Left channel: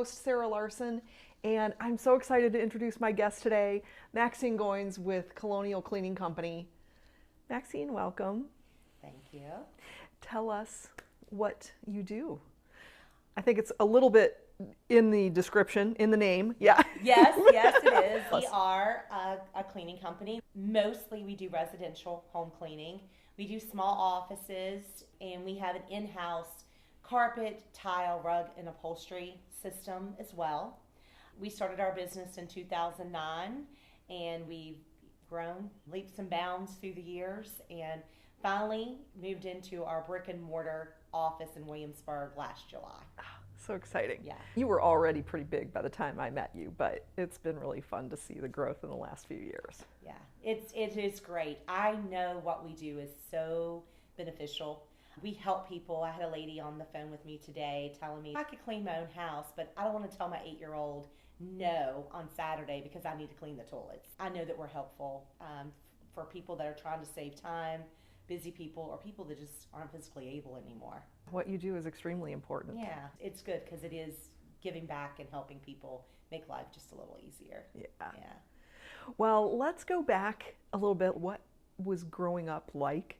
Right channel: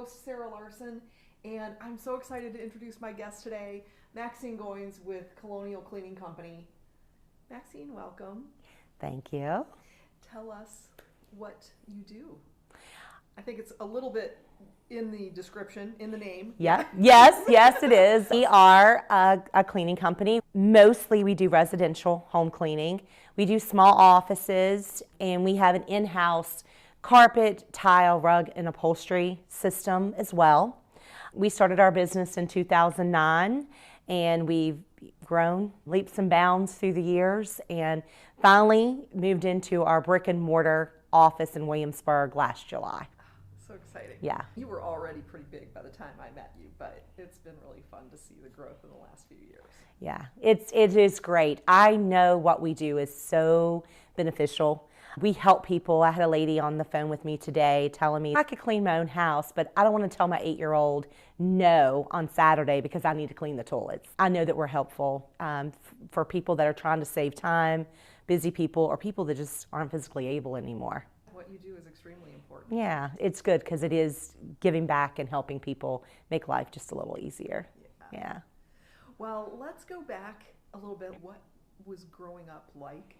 host, Sarah Larson, and I'm so excited to introduce my guest today, Maxine Goins with Colonial Cleaning Company. Maxine, welcome. Thank you. Tell us what you do. I think it's a little bit in the description, in the name. Yeah. Yes, it is. We are a cleaning company. Mostly we do residential home cleaning. We do small offices, and we have an in-house carpet, tile, rug, and upholstery system as well. We started our business in 2009, and we've grown leaps and bounds through the years, and finally moved into our brick and mortar office in Williamsburg last July. So exciting. Yeah. You were already pretty big by the time I met you, but it's been really fun to see the growth in the last few years. Yeah, it is great. I know what we do is so beneficial. We help people. I had a lady on the phone with me today telling me I could clean my own house, but I don't want to tell my 8-year-old no on Saturday because I need to clean the toilets. I know that we're helpful for people that are trying to save time, busy people, or people that just aren't physically able anymore. What you do is extremely important. Yeah, it's good because it is giving back and helping people make life just a little easier. Yeah. Well, let's go back a little bit. What was growing up like?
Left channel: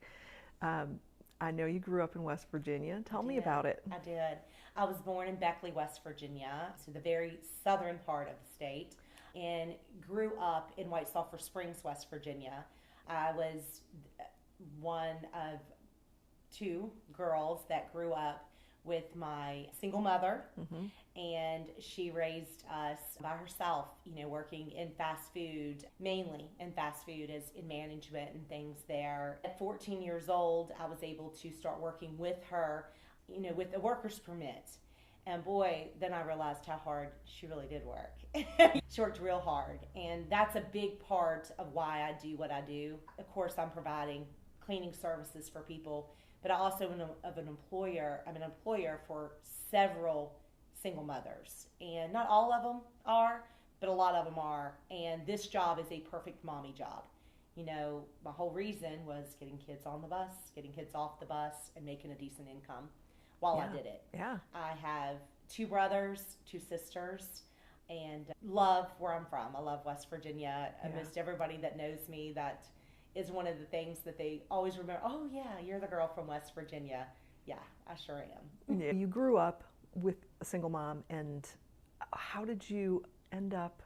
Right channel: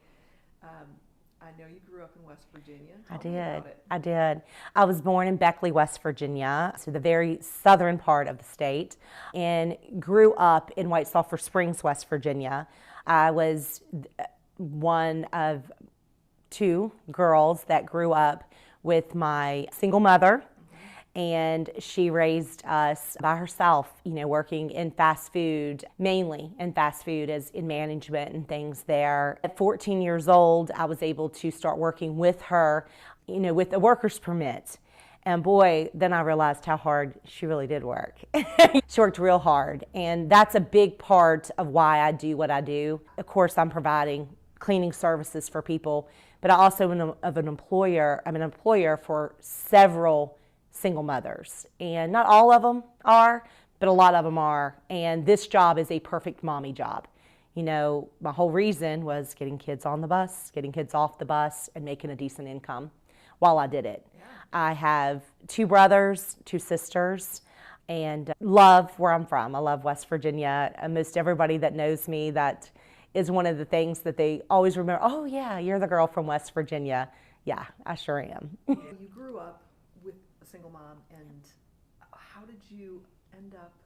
I know you grew up in West Virginia. Tell me about it. I did. I was born in Beckley, West Virginia, so the very southern part of the state, and grew up in White Sulphur Springs, West Virginia. I was one of 2 girls that grew up with my single mother, and she raised us by herself, working in fast food, mainly in fast food as in management and things there. At 14 years old, I was able to start working with her, with a worker's permit. And boy, then I realized how hard she really did work. She worked real hard, and that's a big part of why I do what I do. Of course, I'm providing cleaning services for people, but I also am an employer. I'm an employer for several single mothers, and not all of them are, but a lot of them are. And this job is a perfect mommy job. My whole reason was getting kids on the bus, getting kids off the bus, and making a decent income while I did it. Yeah. I have 2 brothers, 2 sisters, and love where I'm from. I love West Virginia. Most everybody that knows me, that is one of the things that they always remember. Oh yeah, you're the girl from West Virginia. Yeah, I sure am. You grew up with a single mom, and how did you end up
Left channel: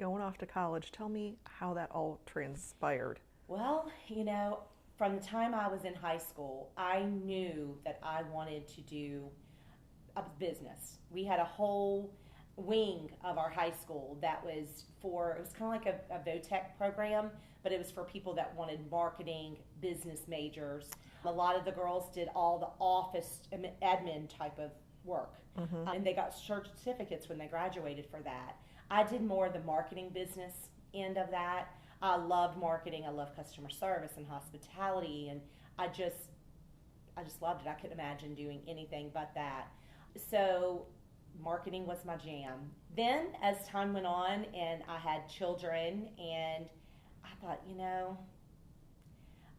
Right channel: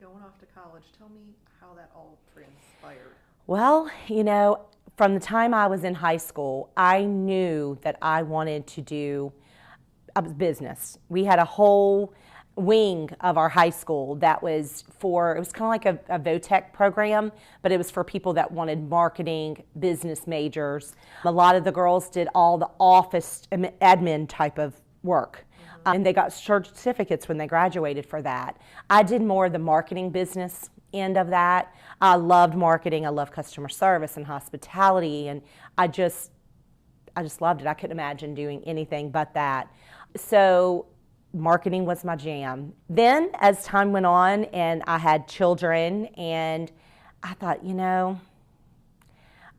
going off to college? Tell me how that all transpired. Well, from the time I was in high school, I knew that I wanted to do a business. We had a whole wing of our high school that was it was kind of like a VOTEC program, but it was for people that wanted marketing, business majors. A lot of the girls did all the office admin type of work, and they got certificates when they graduated for that. I did more of the marketing business end of that. I loved marketing. I loved customer service and hospitality, and I just loved it. I couldn't imagine doing anything but that. So marketing was my jam. Then as time went on and I had children, and I thought,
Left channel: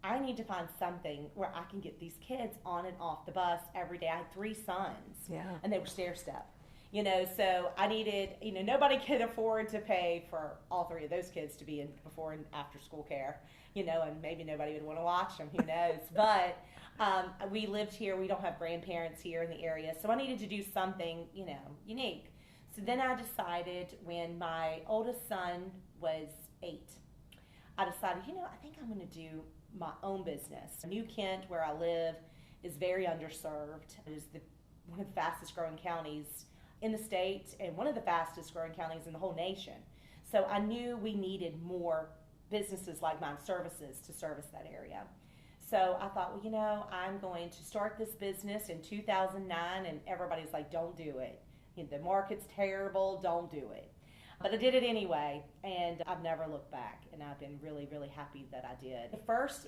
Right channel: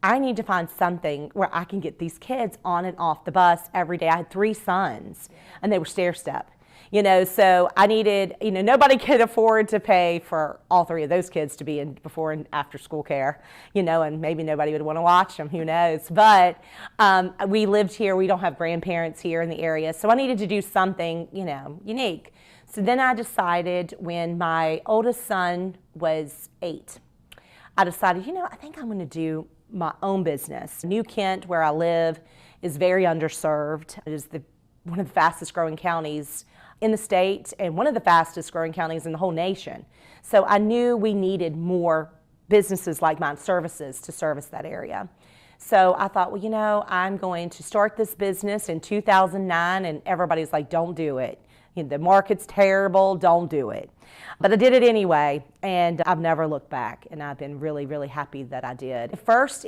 I need to find something where I can get these kids on and off the bus every day. I had 3 sons, and they were stair-step. So I needed, nobody could afford to pay for all 3 of those kids to be in before and after school care, and maybe nobody would want to watch them, who knows. But we lived here. We don't have grandparents here in the area, so I needed to do something, unique. So then I decided, when my oldest son was 8, I decided, I think I'm going to do my own business. New Kent, where I live, is very underserved. It is one of the fastest growing counties in the state, and one of the fastest growing counties in the whole nation. So I knew we needed more businesses like mine, services, to service that area. So I thought, I'm going to start this business in 2009, and everybody's like, don't do it. The market's terrible, don't do it. But I did it anyway, and I've never looked back, and I've been really, really happy that I did. At first,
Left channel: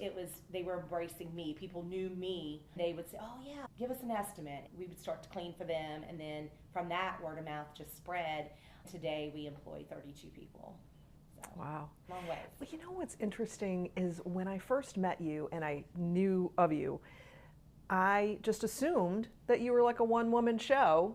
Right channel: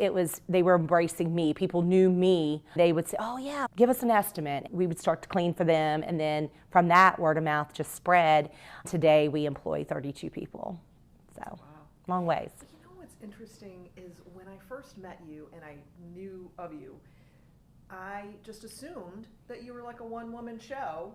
they were embracing me. People knew me. They would say, oh yeah, give us an estimate. We would start to clean for them, and then from that, word of mouth just spread. Today, we employ 32 people. So, wow. Long ways. You know what's interesting is when I first met you and I knew of you, I just assumed that you were like a one-woman show.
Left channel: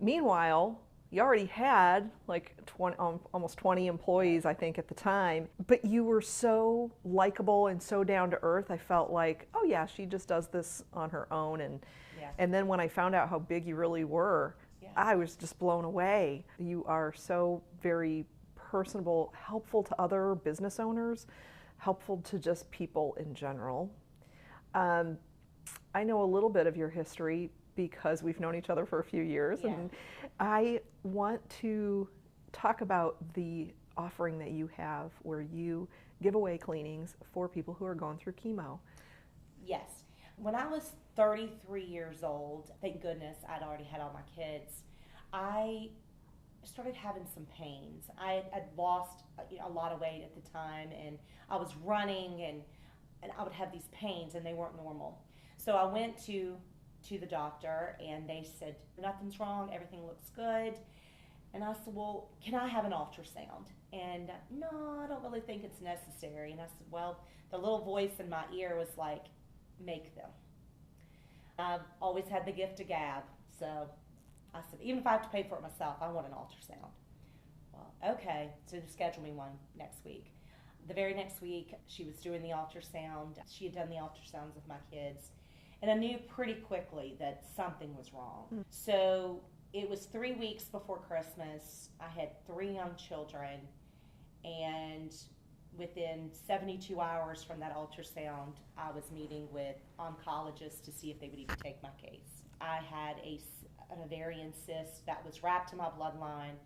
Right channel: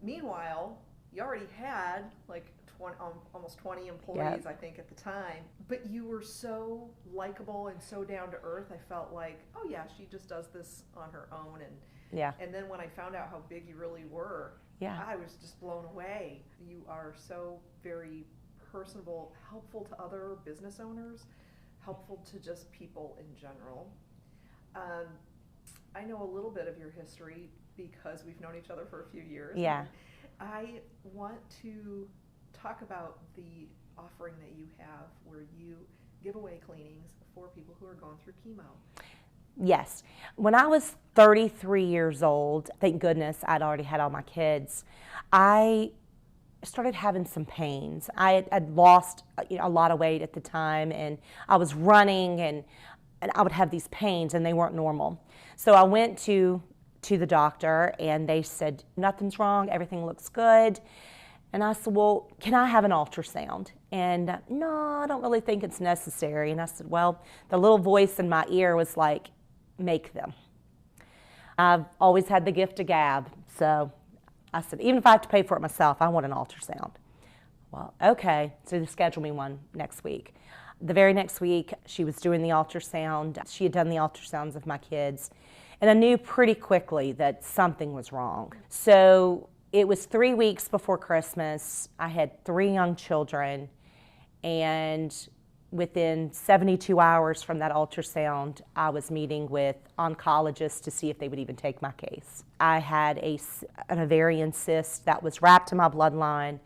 Meanwhile, you already had like 20, almost 20 employees, I think, at the time. But you were so likable and so down to earth. I felt like, oh yeah, she just does this on her own. And then when I found out how big you really were, I was just blown away. You are so very personable, helpful to other business owners, helpful to just people in general. I know a little bit of your history because we've known each other for a few years. Yeah. And I want to talk about the offering that you have where you give away cleanings for people who are going through chemo. Yes. When I was 33 years old, thank goodness I'd already had all my kids, I started having some pains. I had lost a lot of weight at the time, and I was running, and I would have these pains, and they weren't normal. So I went to the doctor, and they said, nothing's wrong, everything looks good. And I said, well, can I have an ultrasound? And no, I don't really think it's necessary. And I said, well, the little voice in my ear was like, make them. I've always had the gift of gab. So I said, even if I have to pay for it myself, I want an ultrasound. Well, okay, so they scheduled me one next week. The very next week, she was doing the ultrasound. She had done the ultrasounds of my kids. And I knew pretty quickly that something was wrong. So it was 3 weeks before Christmas. I had 3 young children. And within 72 hours from that ultrasound, I was meeting with oncologists to see if they would even take my case. I had an ovarian cyst that was wrapped in my bloodline,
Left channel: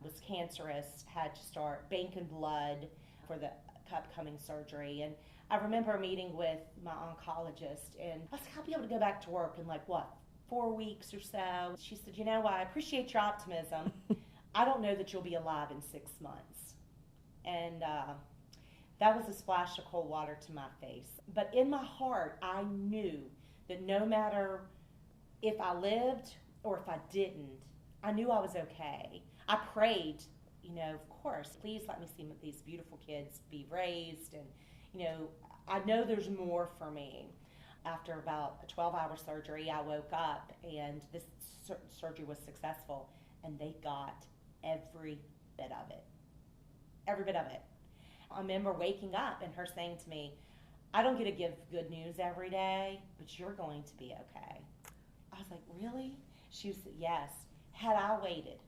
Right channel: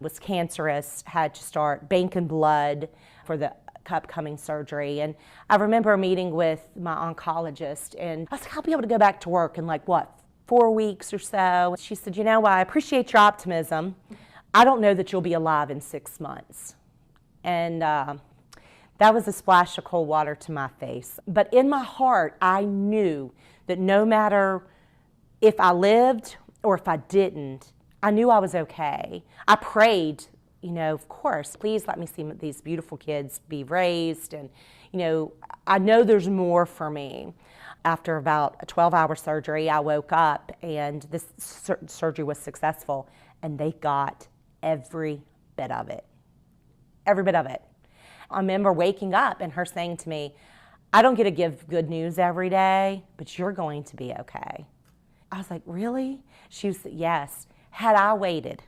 was cancerous, had to start banking blood for the upcoming surgery. And I remember meeting with my oncologist, and I was like, I'll be able to go back to work in 4 weeks or so. She said, you know, I appreciate your optimism. I don't know that you'll be alive in 6 months. And that was a splash of cold water to my face. But in my heart, I knew that no matter if I lived or if I didn't, I knew I was okay. I prayed, of course, please let me see these beautiful kids be raised. And, I know there's more for me. After about a 12-hour surgery, I woke up and this surgery was successful, and they got every bit of it. Every bit of it. I remember waking up and her saying to me, I don't get to give good news every day, but you're going to be okay. I was like, really? She said, yes. Had I waited,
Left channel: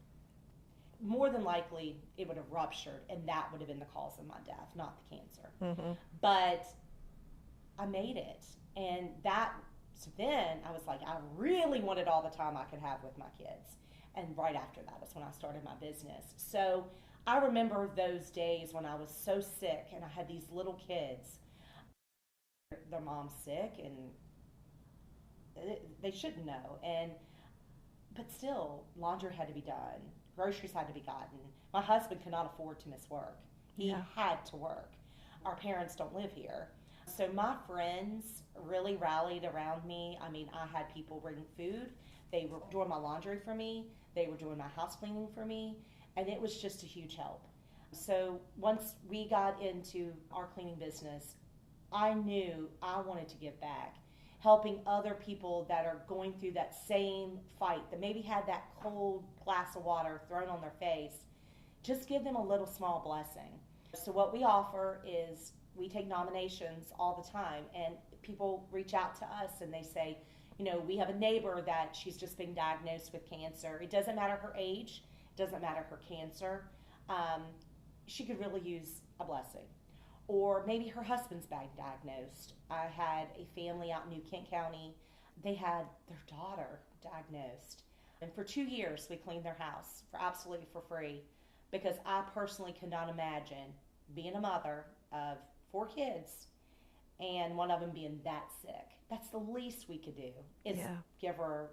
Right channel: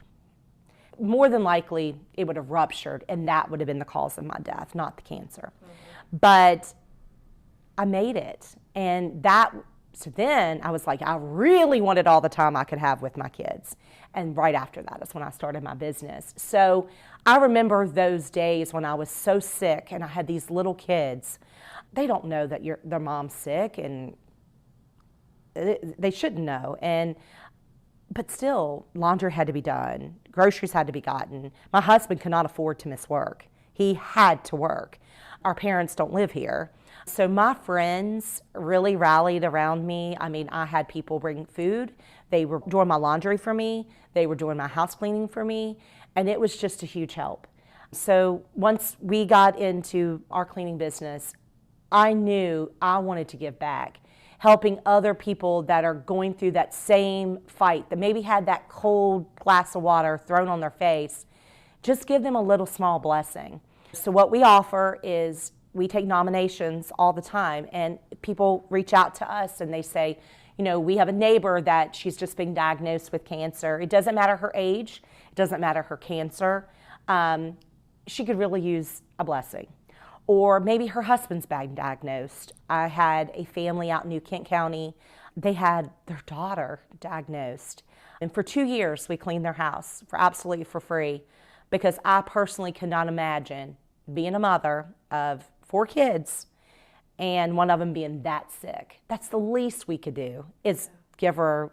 more than likely it would have ruptured, and that would have been the cause of my death, not the cancer. Mm-hmm. But I made it. And so then I was like, I really wanted all the time I could have with my kids. And right after that is when I started my business. So I remember those days when I was so sick and I had these little kids. They don't know that their mom's sick, and they shouldn't know. But still, laundry had to be done. Groceries had to be gotten. My husband could not afford to miss work. He had to work. Our parents don't live here. So my friends really rallied around me. I mean, I had people bring food. They were doing my laundry for me. They were doing my house cleaning for me. And it was just a huge help. So once we got into our cleaning business, I knew I wanted to give back, helping other people that are going through that same fight, that maybe had that cold glass of water thrown on their face. Just give them a little small blessing. So what we offer is we take nominations all the time, and people reach out to us and they say, we have a neighbor that she's just been diagnosed with cancer. It doesn't matter her age. It doesn't matter her cancer. She could really use a blessing. Or maybe her husband's been diagnosed. I had a family out in New Kent County. They had their daughter diagnosed. And for 2 years, we cleaned their house absolutely for free, because I personally could not imagine being a mother of 4 kids and one of them being that sick. That's the least we could do is give her,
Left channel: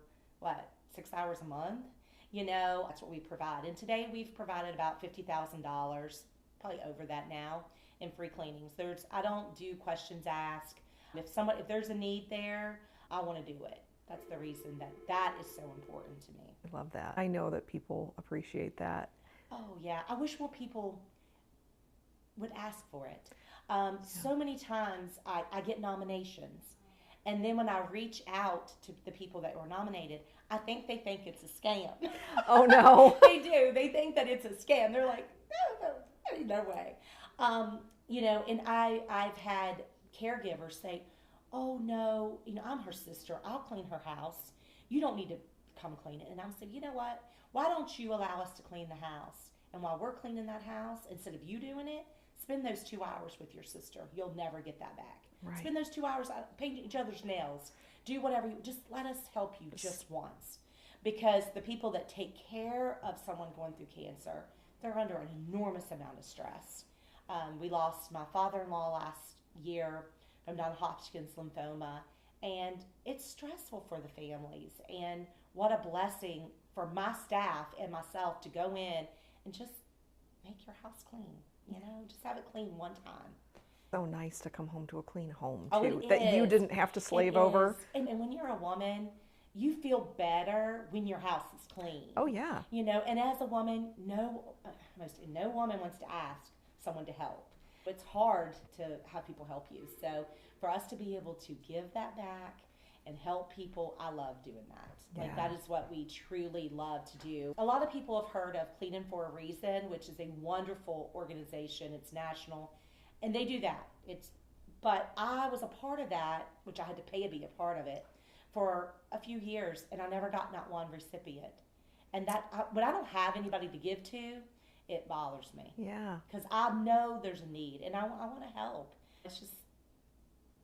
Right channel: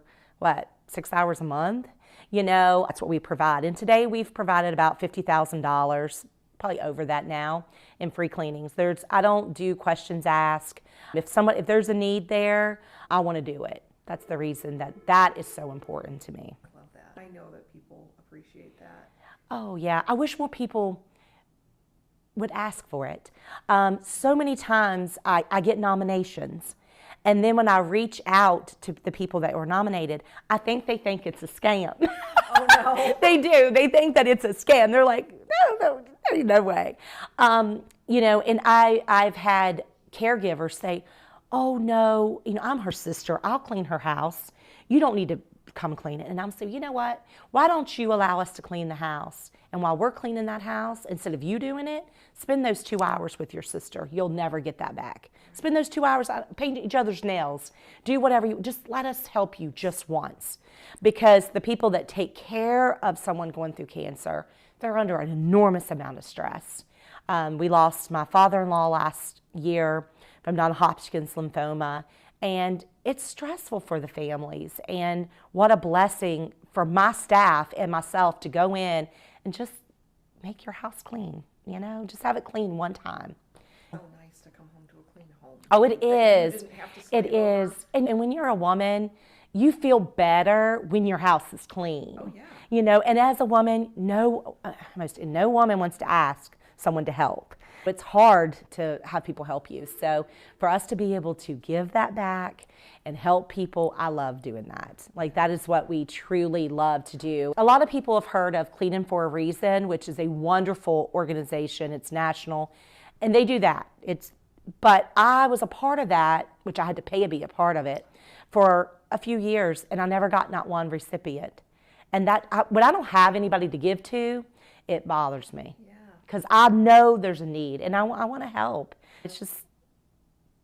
6 hours a month? That's what we provide. And today we've provided about $50,000, probably over that now, in free cleanings. I don't do questions asked. If there's a need there, I want to do it. That's the reason that is so important to me. I love that. I know that people appreciate that. Oh yeah, I wish more people would ask for it. So many times I get nominations, And then when I reach out to the people that were nominated, I think they think it's a scam. Oh, no. They do. They think that it's a scam. They're like, no way. And I've had caregivers say, oh, no, I'm her sister. I'll clean her house. You don't need to come clean it. And I'm saying, you know what? Why don't you allow us to clean the house? And while we're cleaning that house, instead of you doing it, spend those 2 hours with your sister. You'll never get that back. Right. Spend those 2 hours painting each other's nails. Do whatever just let us help you just once. Because the people that take care of someone going through cancer, they're under an enormous amount of stress. We lost my father-in-law last year from non-Hodgkin's lymphoma, and it's stressful for the families. And what a blessing for my staff and myself to go in and just make your house clean, just have it clean one time. So nice to come home to a clean home. Oh, it is. That you didn't have to slave over. And when you're a woman, you feel better when your house is clean. Oh, yeah. And as a woman, no woman wants to ask someone to help. It's hard to have people help you. So for us to be able to give that back and help people, I love doing that. That is what we truly love to do. A lot of people have heard of Cleaning for a Reason, which is a wonderful organization. It's national, and they do that. But I was a part of that, which I had to pay to be a part of it, for a few years, and I never got not one recipient. And when I don't have anybody to give to, it bothers me. Yeah. Because I know there's a need, and I want to help. It's just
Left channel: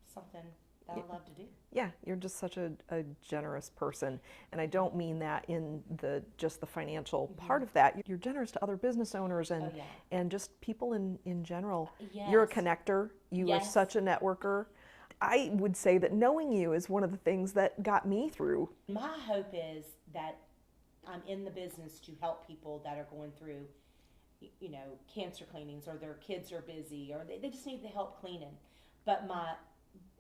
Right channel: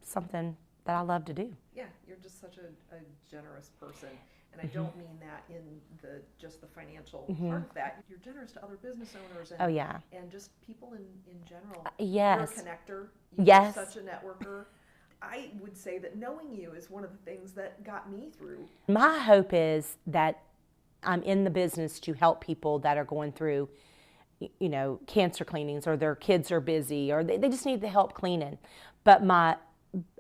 something that I love to do. Yeah, you're just such a generous person. And I don't mean that in just the financial part of that. You're generous to other business owners and just people in general. Yes. You're a connector. You're such a networker. I would say that knowing you is one of the things that got me through. My hope is that I'm in the business to help people that are going through, cancer cleanings, or their kids are busy, or they just need the help cleaning. But my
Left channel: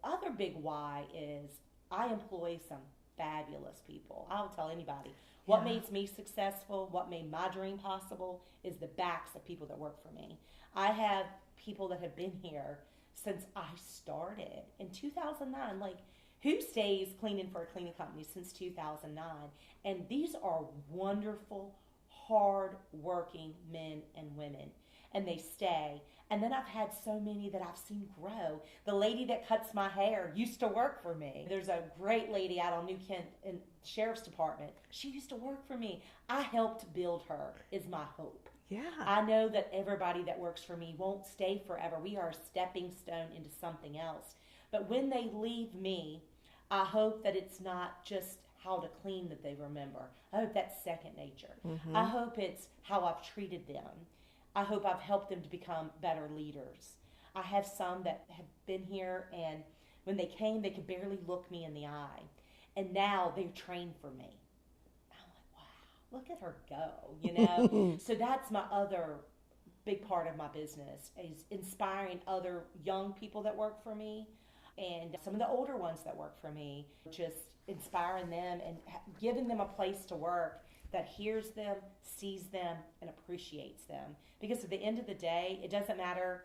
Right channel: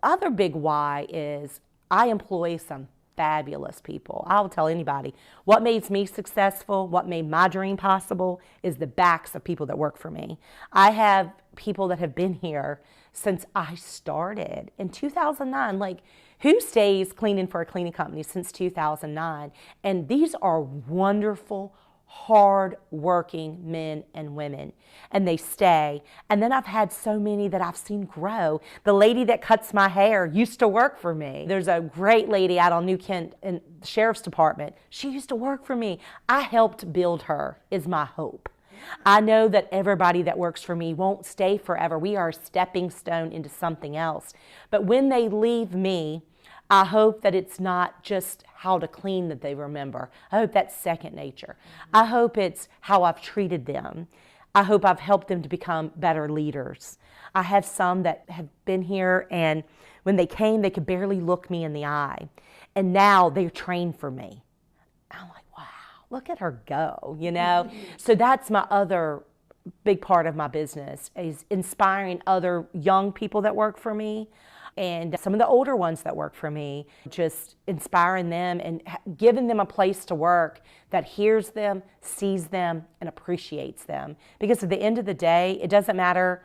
other big why is I employ some fabulous people. I'll tell anybody, what made me successful, what made my dream possible is the backs of people that work for me. I have people that have been here since I started in 2009. Who stays cleaning for a cleaning company since 2009? And these are wonderful, hard-working men and women, and they stay. And then I've had so many that I've seen grow. The lady that cuts my hair used to work for me. There's a great lady out on New Kent in the Sheriff's Department. She used to work for me. I helped build her, is my hope. Yeah. I know that everybody that works for me won't stay forever. We are a stepping stone into something else. But when they leave me, I hope that it's not just how to clean that they remember. I hope that's second nature. Mm-hmm. I hope it's how I've treated them. I hope I've helped them to become better leaders. I have some that have been here, and when they came, they could barely look me in the eye. And now they're trained for me. I'm like, wow, look at her go, So that's my other big part of my business, is inspiring other young people that work for me, and some of the older ones that work for me, just inspiring them and giving them a place to work that hears them, sees them, and appreciates them. Because at the end of the day, it doesn't matter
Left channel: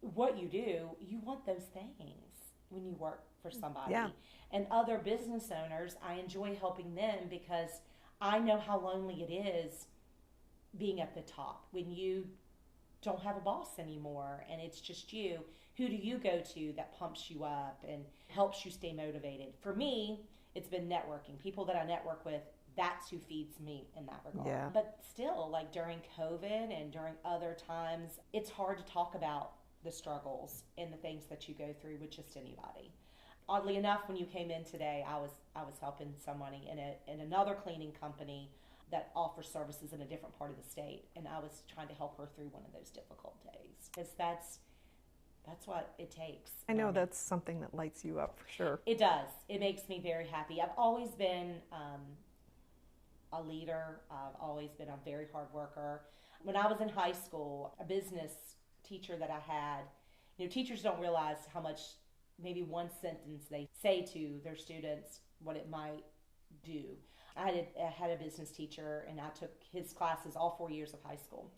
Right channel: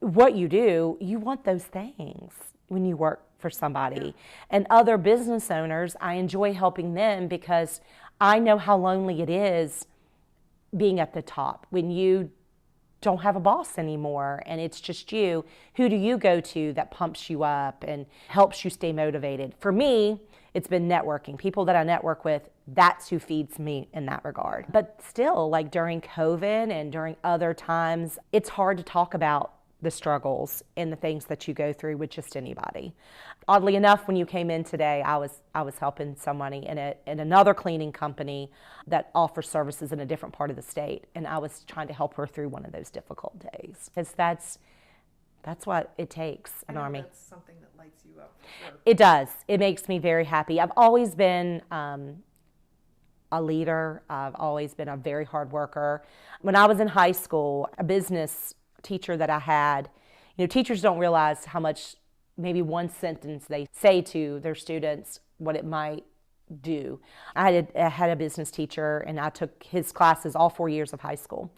what you do, you want those things when you work for somebody. Yeah. And other business owners, I enjoy helping them because I know how lonely it is being at the top. When you don't have a boss anymore and it's just you, who do you go to that pumps you up and helps you stay motivated? For me, it's been networking. People that I network with, that's who feeds me in that regard. Yeah. But still, during COVID and during other times, it's hard to talk about the struggles and the things that you go through with just anybody. Oddly enough, when you came in today, I was helping somebody in another cleaning company that offers services in a different part of the state, and I was trying to help her through one of those difficult days. Because that's what it takes. I know that's something that lights you up for sure. It does. It makes me very happy. I've always been a leader. I've always been a very hard worker. When I was in high school, a business teacher that I had, teachers don't realize how much maybe one sentence they say to their students, what it might do. I had a business teacher, and I took his classes all 4 years of high school.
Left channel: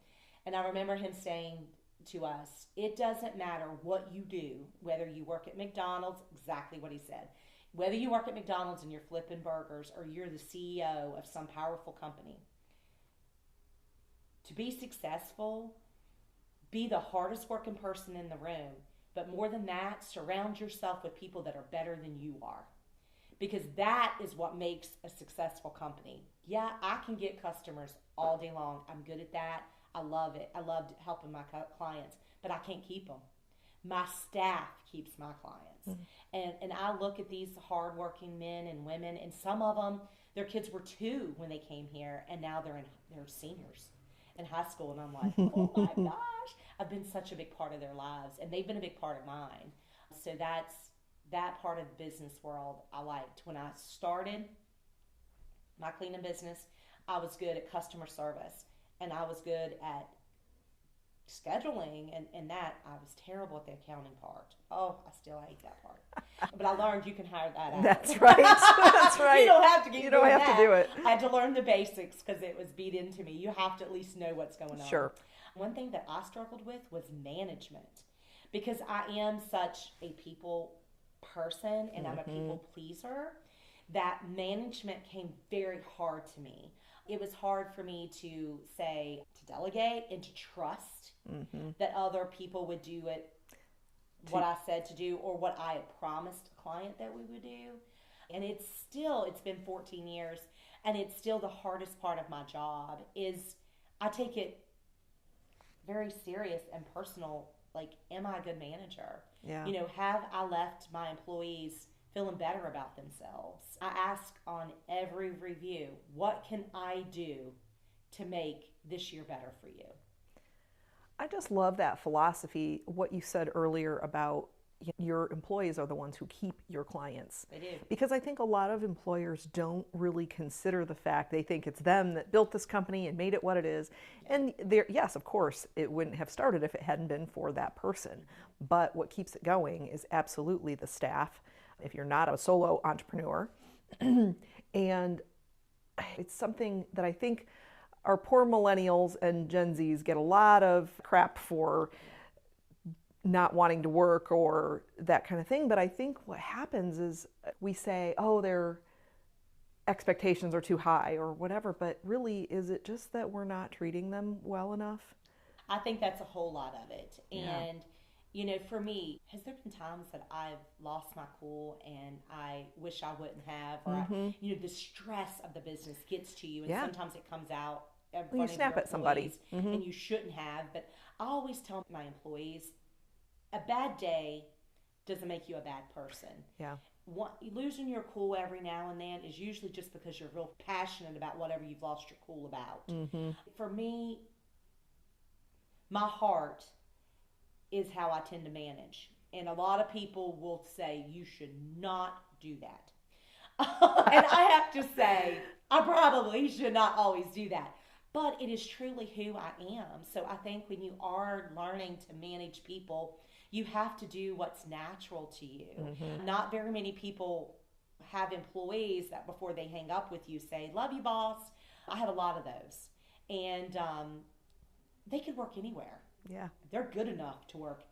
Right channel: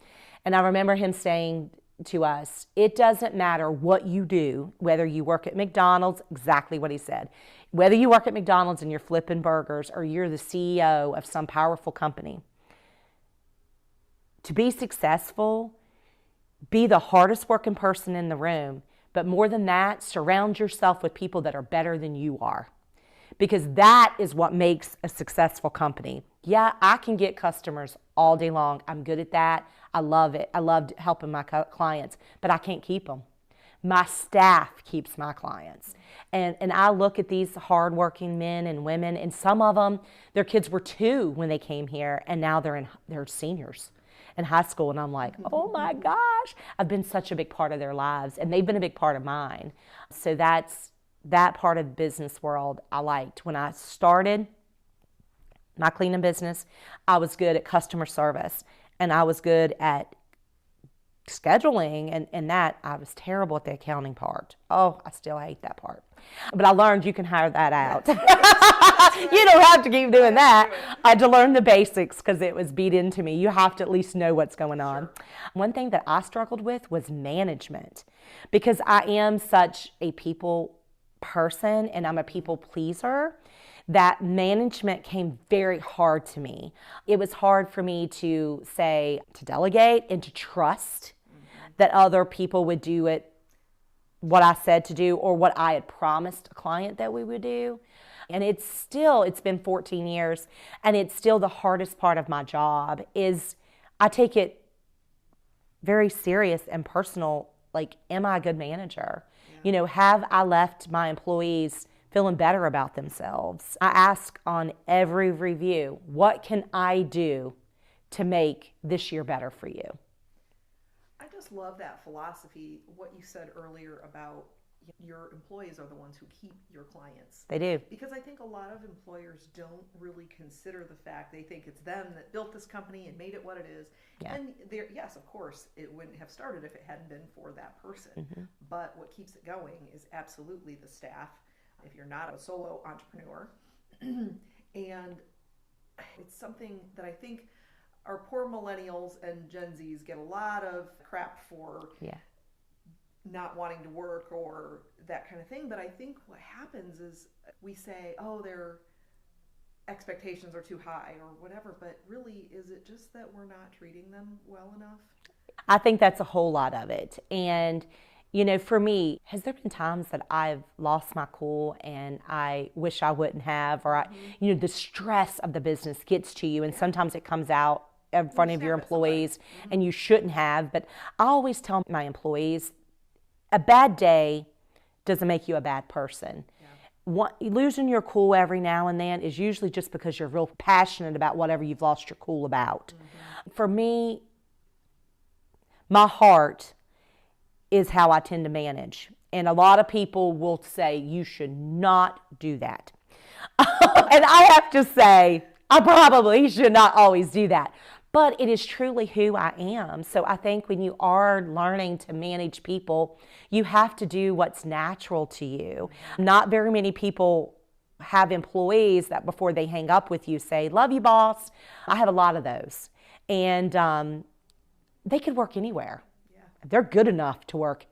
And I remember him saying to us, it doesn't matter what you do, whether you work at McDonald's, exactly what he said, whether you work at McDonald's and you're flipping burgers or you're the CEO of some powerful company. To be successful, be the hardest working person in the room, but more than that, surround yourself with people that are better than you are. Because that is what makes a successful company. Yeah, I can get customers all day long. I'm good at that. I love it. I love helping my clients, but I can't keep them. My staff keeps my clients. And I look at these hardworking men and women, and some of them, their kids were 2 when they came here, and now they're seniors in high school. And I'm like, oh my gosh, I've been such a big part of their lives, and they've been a big part of mine. So that part of the business world I liked. When I started my cleaning business, I was good at customer service, and I was good at scheduling, and that I was terrible at the accounting part. Oh, I still hate that part. But I learned you can hire that out. That's right. That's right. You don't have to keep doing that. I had to learn the basics because it was beat into me. You have to at least know what's going on. Sure. One thing that I struggled with was management, because I am such a people person and I'm a people pleaser, that management came very hard to me. It was hard for me to delegate and to trust that other people would do what I said to do or what I had promised a client that we would do. And it's been 14 years, and it's still the hardest part of my job. Is I take it very serious and personal. Like, am I a good manager? Yeah. Have I left my employees feeling better about themselves? I ask on every review, what can I do to make this year better for you? I just love that philosophy, what you said earlier about your employees are the ones who keep your clients. They do. Because I think a lot of employers don't really consider the fact, they think it's them that built this company and made it what it is. Yeah. And yes, of course, it wouldn't have started if it hadn't been for that person. But what keeps it going is absolutely the staff, if you're not a solo entrepreneur. And it's something that I think our poor millennials and Gen Zs get a lot of crap for. Yeah. Not wanting to work or that kind of thing. But I think what happens is we say, oh, their expectations are too high or whatever. But really, is it just that we're not treating them well enough? I think that's a whole lot of it. And, for me, has there been times that I've lost my cool and I wish I wouldn't have, or the stress of the business gets to you, and sometimes it comes out in front of your employees and you shouldn't have. But I always tell my employees, a bad day doesn't make you a bad person. Yeah. Losing your cool every now and then is usually just because you're real passionate about whatever you've lost your cool about. For me, my heart is how I tend to manage. And a lot of people will say, you should not do that. And I have to say, I probably should not always do that. But it is truly who I am. So I think when you are learning to manage people, you have to do what's natural to you. Not very many people have employees that before they hang up with you say, love you, boss. I have a lot of those. And they could work anywhere. Yeah. They're good enough to work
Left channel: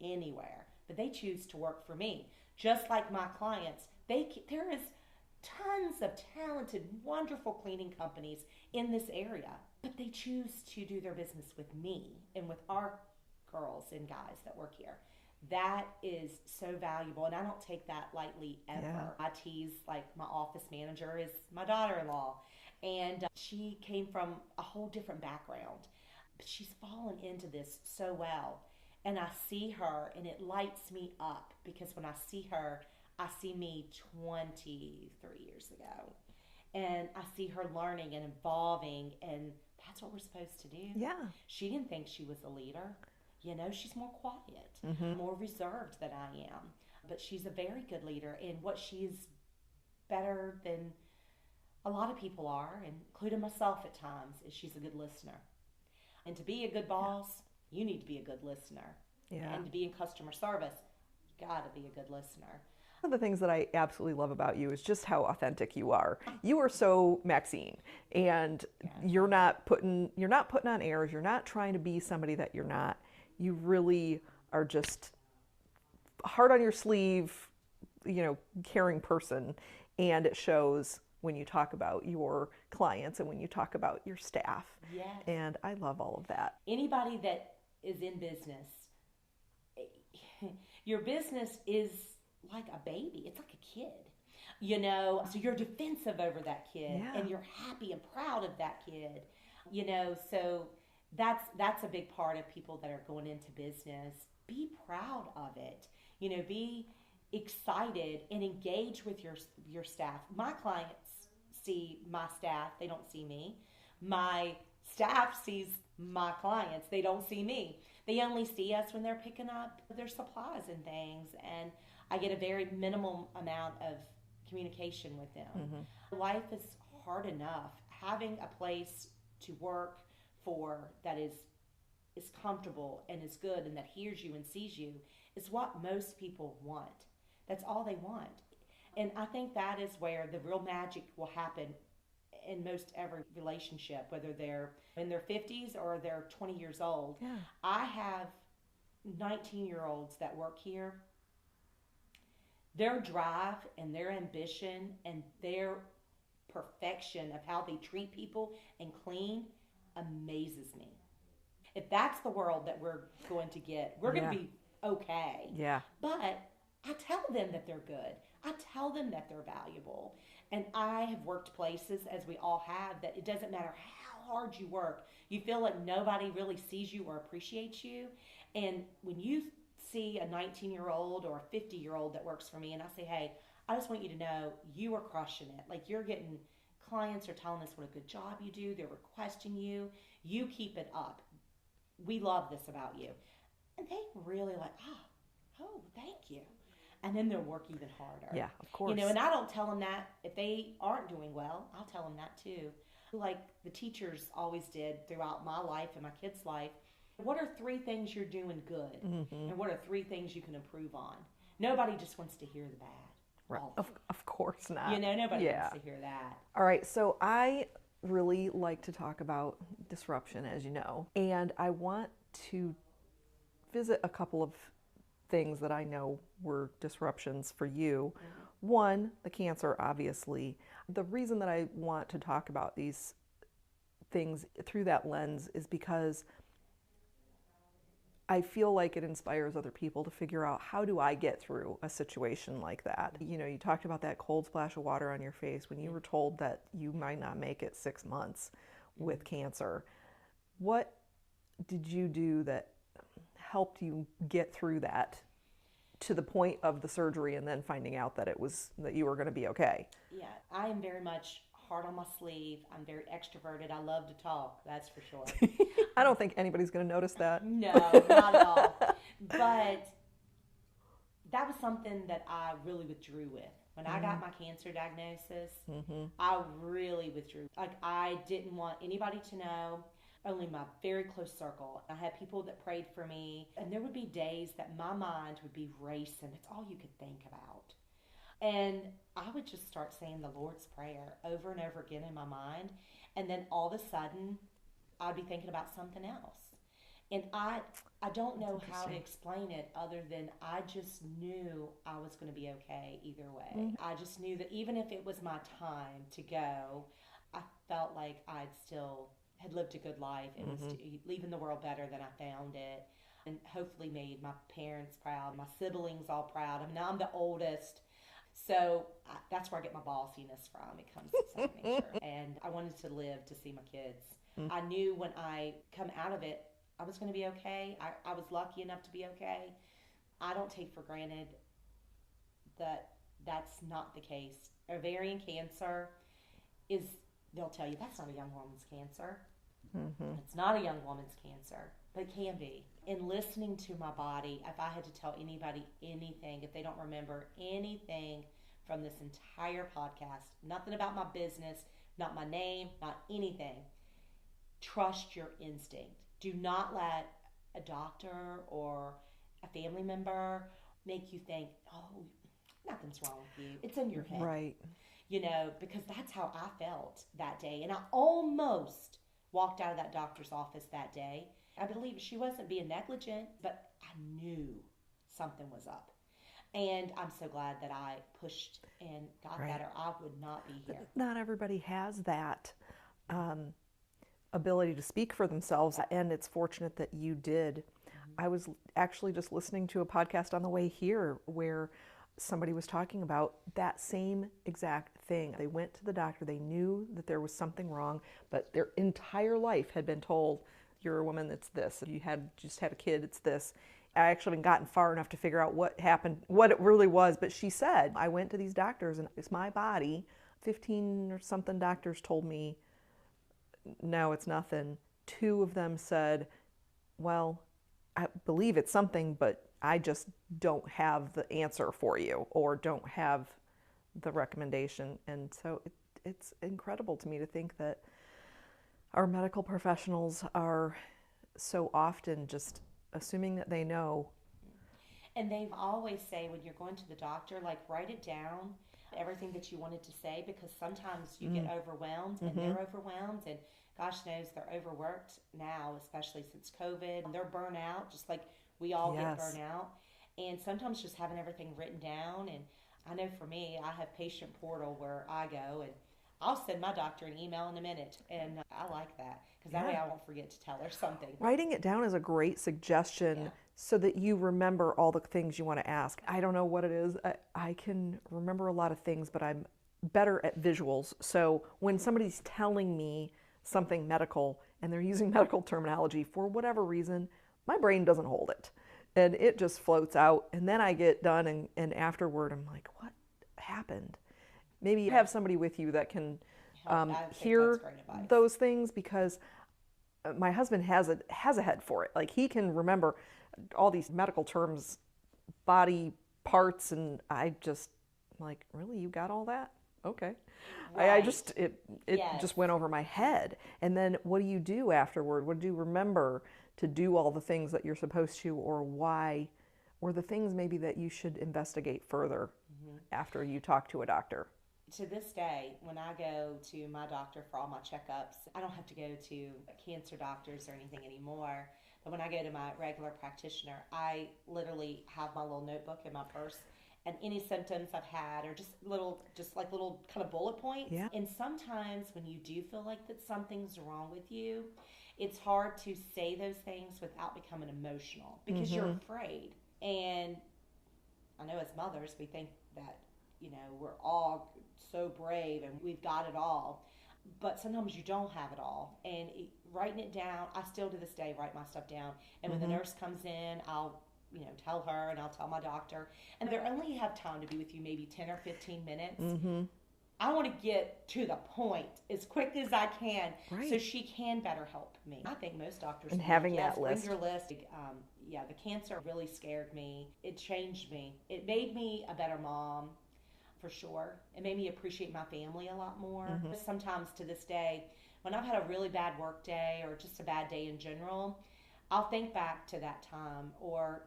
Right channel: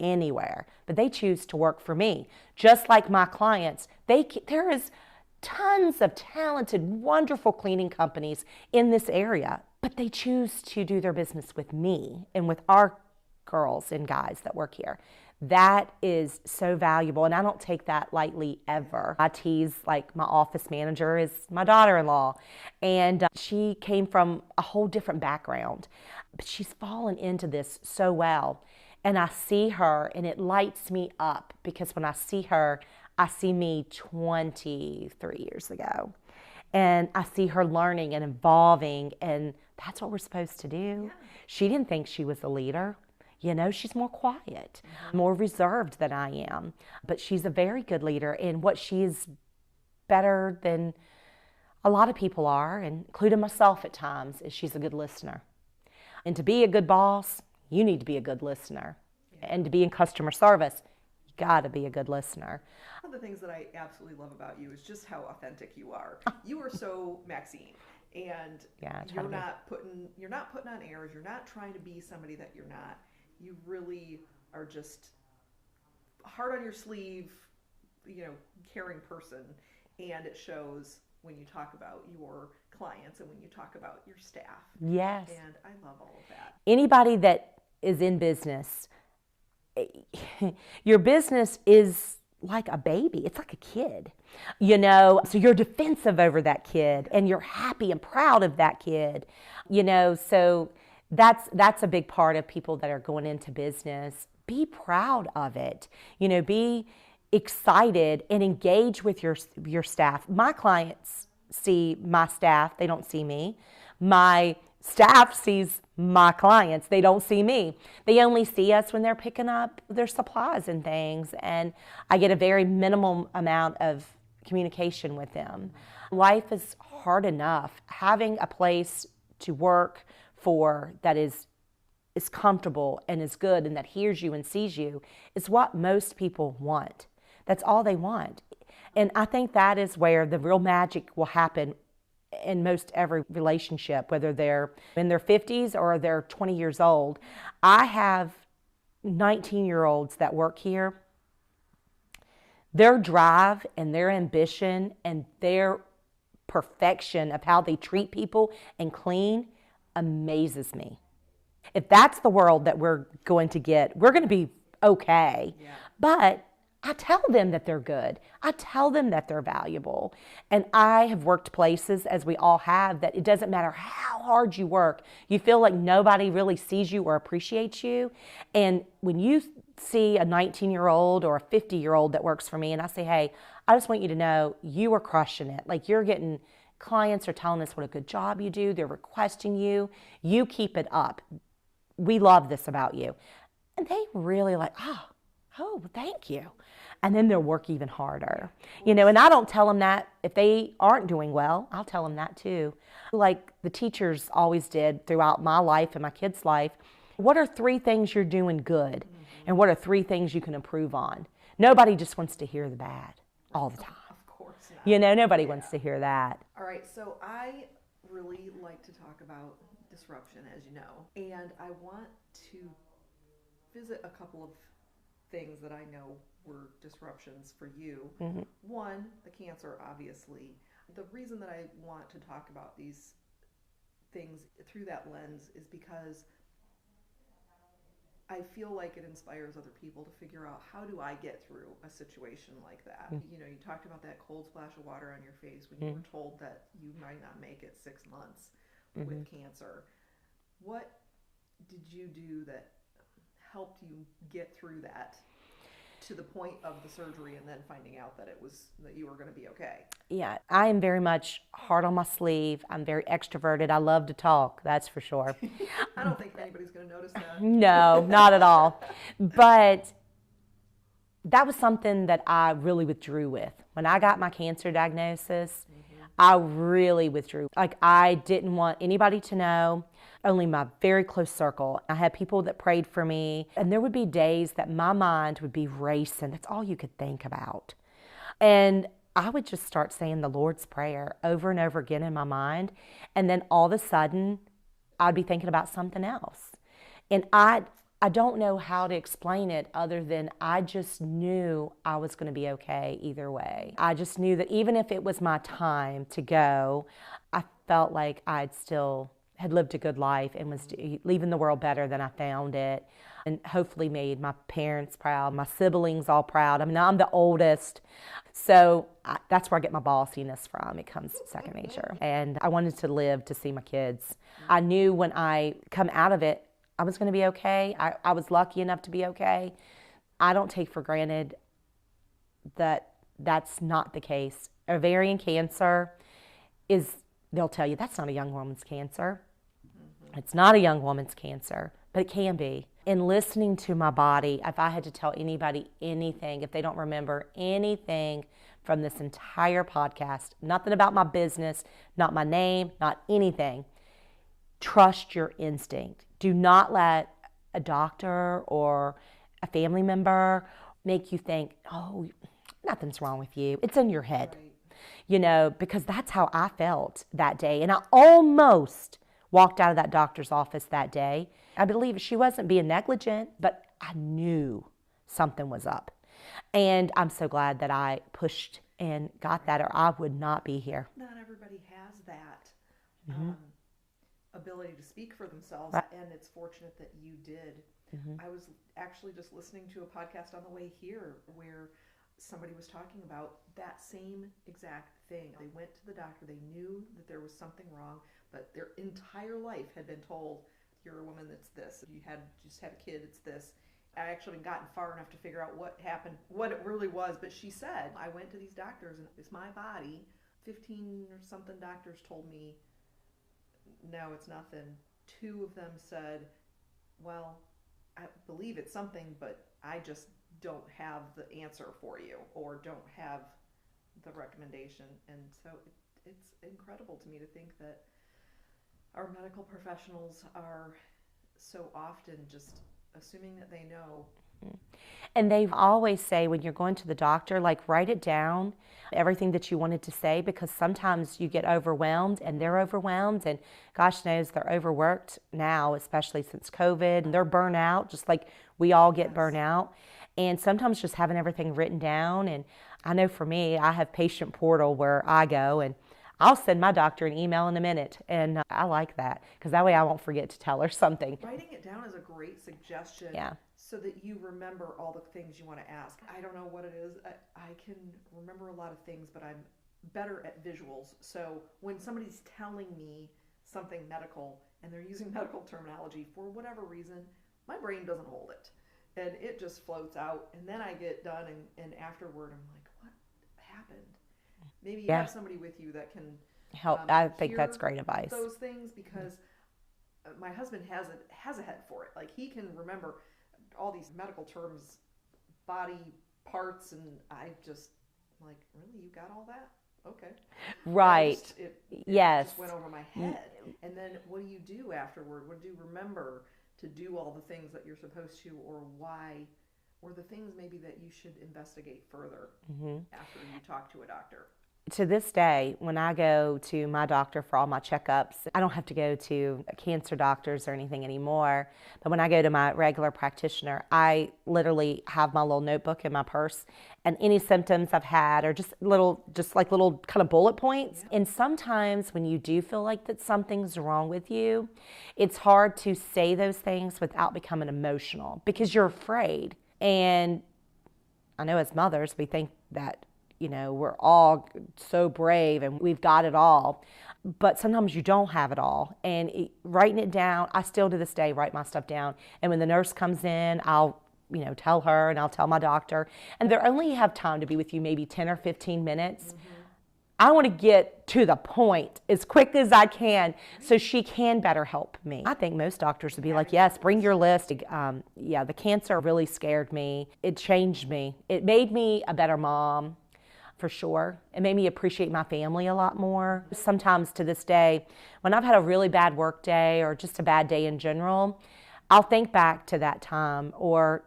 anywhere, but they choose to work for me. Just like my clients, there is tons of talented, wonderful cleaning companies in this area, but they choose to do their business with me and with our girls and guys that work here. That is so valuable, and I don't take that lightly ever. Yeah. I tease, like, my office manager is my daughter-in-law, and she came from a whole different background, but she's fallen into this so well. And I see her, and it lights me up, because when I see her, I see me 23 years ago, and I see her learning and evolving, and that's what we're supposed to do. Yeah. She didn't think she was a leader. She's more quiet, more reserved than I am, but she's a very good leader. And what she's better than a lot of people are, including myself at times, is she's a good listener. And to be a good boss, you need to be a good listener. Yeah. And to be in customer service, you got to be a good listener. One of the things that I absolutely love about you is just how authentic you are. You are so Maxine, and you're not putting on airs. You're not trying to be somebody that you're not. you really are just heart on your sleeve, caring person. And it shows when you talk about your clients and when you talk about your staff. Yes. And I love all of that. Anybody that is in business, your business is like a baby. It's like a kid, so you're defensive over that kid, and you're happy and proud of that kid, so that's a big part of people that are going into business. Be proud of it, be excited and engage with your staff. My clients see my staff, they don't see me. My staff sees my clients, they don't see me. They only see us when they're picking up their supplies and things, and I get a very minimal amount of communication with them. Mm-hmm. Life is hard enough. Having a place to work for that is comfortable and is good and that hears you and sees you is what most people want. That's all they want. And I think that is where the real magic will happen in most every relationship, whether they're in their 50s or they're 20 years old. I have 19-year-olds that work here. Their drive and their ambition and their perfection of how they treat people and clean amazes me. If that's the world that we're going to get, we're going to be okay. Yeah. But I tell them that they're good. I tell them that they're valuable. And I have worked places, as we all have, that it doesn't matter how hard you work, you feel like nobody really sees you or appreciates you. And when you see a 19-year-old or a 50-year-old that works for me, and I say, hey, I just want you to know you are crushing it. Like, you're getting, clients are telling us what a good job you do. They're requesting you. You keep it up. We love this about you. And they really like, oh, thank you. And then they'll work even harder. Yeah, and I don't tell them that if they aren't doing well. I'll tell them that too. Like the teachers always did throughout my life and my kids' life. What are 3 things you're doing good? Mm-hmm. And what are 3 things you can improve on? Nobody just wants to hear the bad all the time. Of course not. Nobody wants to hear that. All right, so I really like to talk about disruption, as you know. And I want to visit a couple of things that I know were disruptions for you. Mm-hmm. One, the cancer, obviously. The reason that I want to talk about these things through that lens is because I feel like it inspires other people to figure out, how do I get through a situation like that? Mm-hmm. You talked about that cold splash of water on your face when you were told that you might not make it 6 months with cancer. What did you do that helped you get through that to the point of the surgery and then finding out that that you were going to be okay? Yeah, I am very much hard on my sleeve. I'm very extroverted. I love to talk, that's for sure. I don't think anybody's going to notice that. No, not at all. But that was something that I really withdrew with. When I got my cancer diagnosis, I really withdrew. Like, I didn't want anybody to know. Only my very close circle. I had people that prayed for me, and there would be days that my mind would be racing. That's all you could think about. And I would just start saying the Lord's Prayer over and over again in my mind, and then all of a sudden, I'd be thinking about something else. And I don't know how to explain it other than I just knew I was going to be okay either way. I just knew that even if it was my time to go, I felt like I'd still had lived a good life and was leaving the world better than I found it, and hopefully made my parents proud, my siblings all proud. I mean, I'm the oldest, so that's where I get my bossiness from. It comes second nature. And I wanted to live to see my kids. I knew when I come out of it, I was going to be okay. I was lucky enough to be okay. I don't take for granted that that's not the case. Ovarian cancer is, they'll tell you, that's not a young woman's cancer. Mm-hmm. It's not a young woman's cancer, but it can be. In listening to my body, if I had to tell anybody anything, if they don't remember anything from this entire podcast, nothing about my business, not my name, not anything, trust your instinct. Do not let a doctor or a family member make you think, oh, nothing's wrong with you. It's in your head. Right. Because that's how I felt that day. And I almost walked out of that doctor's office that day I believe she wasn't being negligent, but I knew something was up. And I'm so glad that I pushed and got that, or I would not be here. Not everybody has that ability to speak for themselves, and it's fortunate that you did. I was actually just listening to a podcast on the way here where somebody was talking about that same exact thing. They went to the doctor, they knew that there was something wrong, but their entire life had been told, you're a woman, it's this. If you just had a kid, it's this. I actually haven't gotten far enough to figure out what happened, what it really was, but she said, I went to these doctors and it's my body. 15 or something doctors told me, no, it's nothing. 2 of them said, well, I believe it's something, but I just don't have the answer for you or don't have the recommendation. And so it's incredible to me to think that our medical professionals are so often just assuming that they know. And they always say when you're going to the doctor, like write it down, everything that you wanted to say, because sometimes you get overwhelmed and they're overwhelmed, and gosh knows they're overworked now, especially since COVID, and they're burnt out, just like we all get burnt out. And sometimes just having everything written down, and I know for me, I have patient portal where I go and I'll send my doctor an email in a minute, and I like that because that way I won't forget to tell her something. Writing it down is a great suggestion so that you remember all the things you want to ask. I don't know what it is. I can remember a lot of things, but I'm better at visuals. So when somebody's telling me something medical and they're using medical terminology, for whatever reason, my brain doesn't hold it. And it just floats out. And then I get done, and afterward I'm like, what happened? Maybe you have somebody with you that can help. I think that's great advice. Those things, because my husband has a head for it. Like, he can remember all these medical terms, body parts, and I just like, really, you got all that? Okay, right. It just went over my head. And then what do you do afterward? What do you remember to do all the things that you're supposed to, or why, or the things maybe that you should investigate further after you talk to a doctor? To this day, when I go to my doctor for all my checkups, I don't have to go to cancer doctors or anything anymore. But when I go to my regular practitioner, I literally have my little notebook in my purse, and any symptoms I've had are just little kind of bullet points. Yeah. And sometimes when you do feel like that something's wrong with you, it's hard to say those things without becoming emotional because you're afraid. And I know as mothers, we think that, you know, we're all so brave and we've got it all, but sometimes you don't have it all. And writing it down, I still to this day write my stuff down. And when the nurse comes in, I'll, you know, tell her, and I'll tell my doctor. And they only have time to be with you maybe 10 or 15 minutes. I want to get to the point as quick as I can so she can better help me. I think most doctors would be like, yes, bring your list. The cancer really scared me. It changed me. It made me a better mom. For sure. It made me appreciate my family a lot more. Sometimes to this day, when I've had a really bad work day or just a bad day in general, I'll think back to that time, or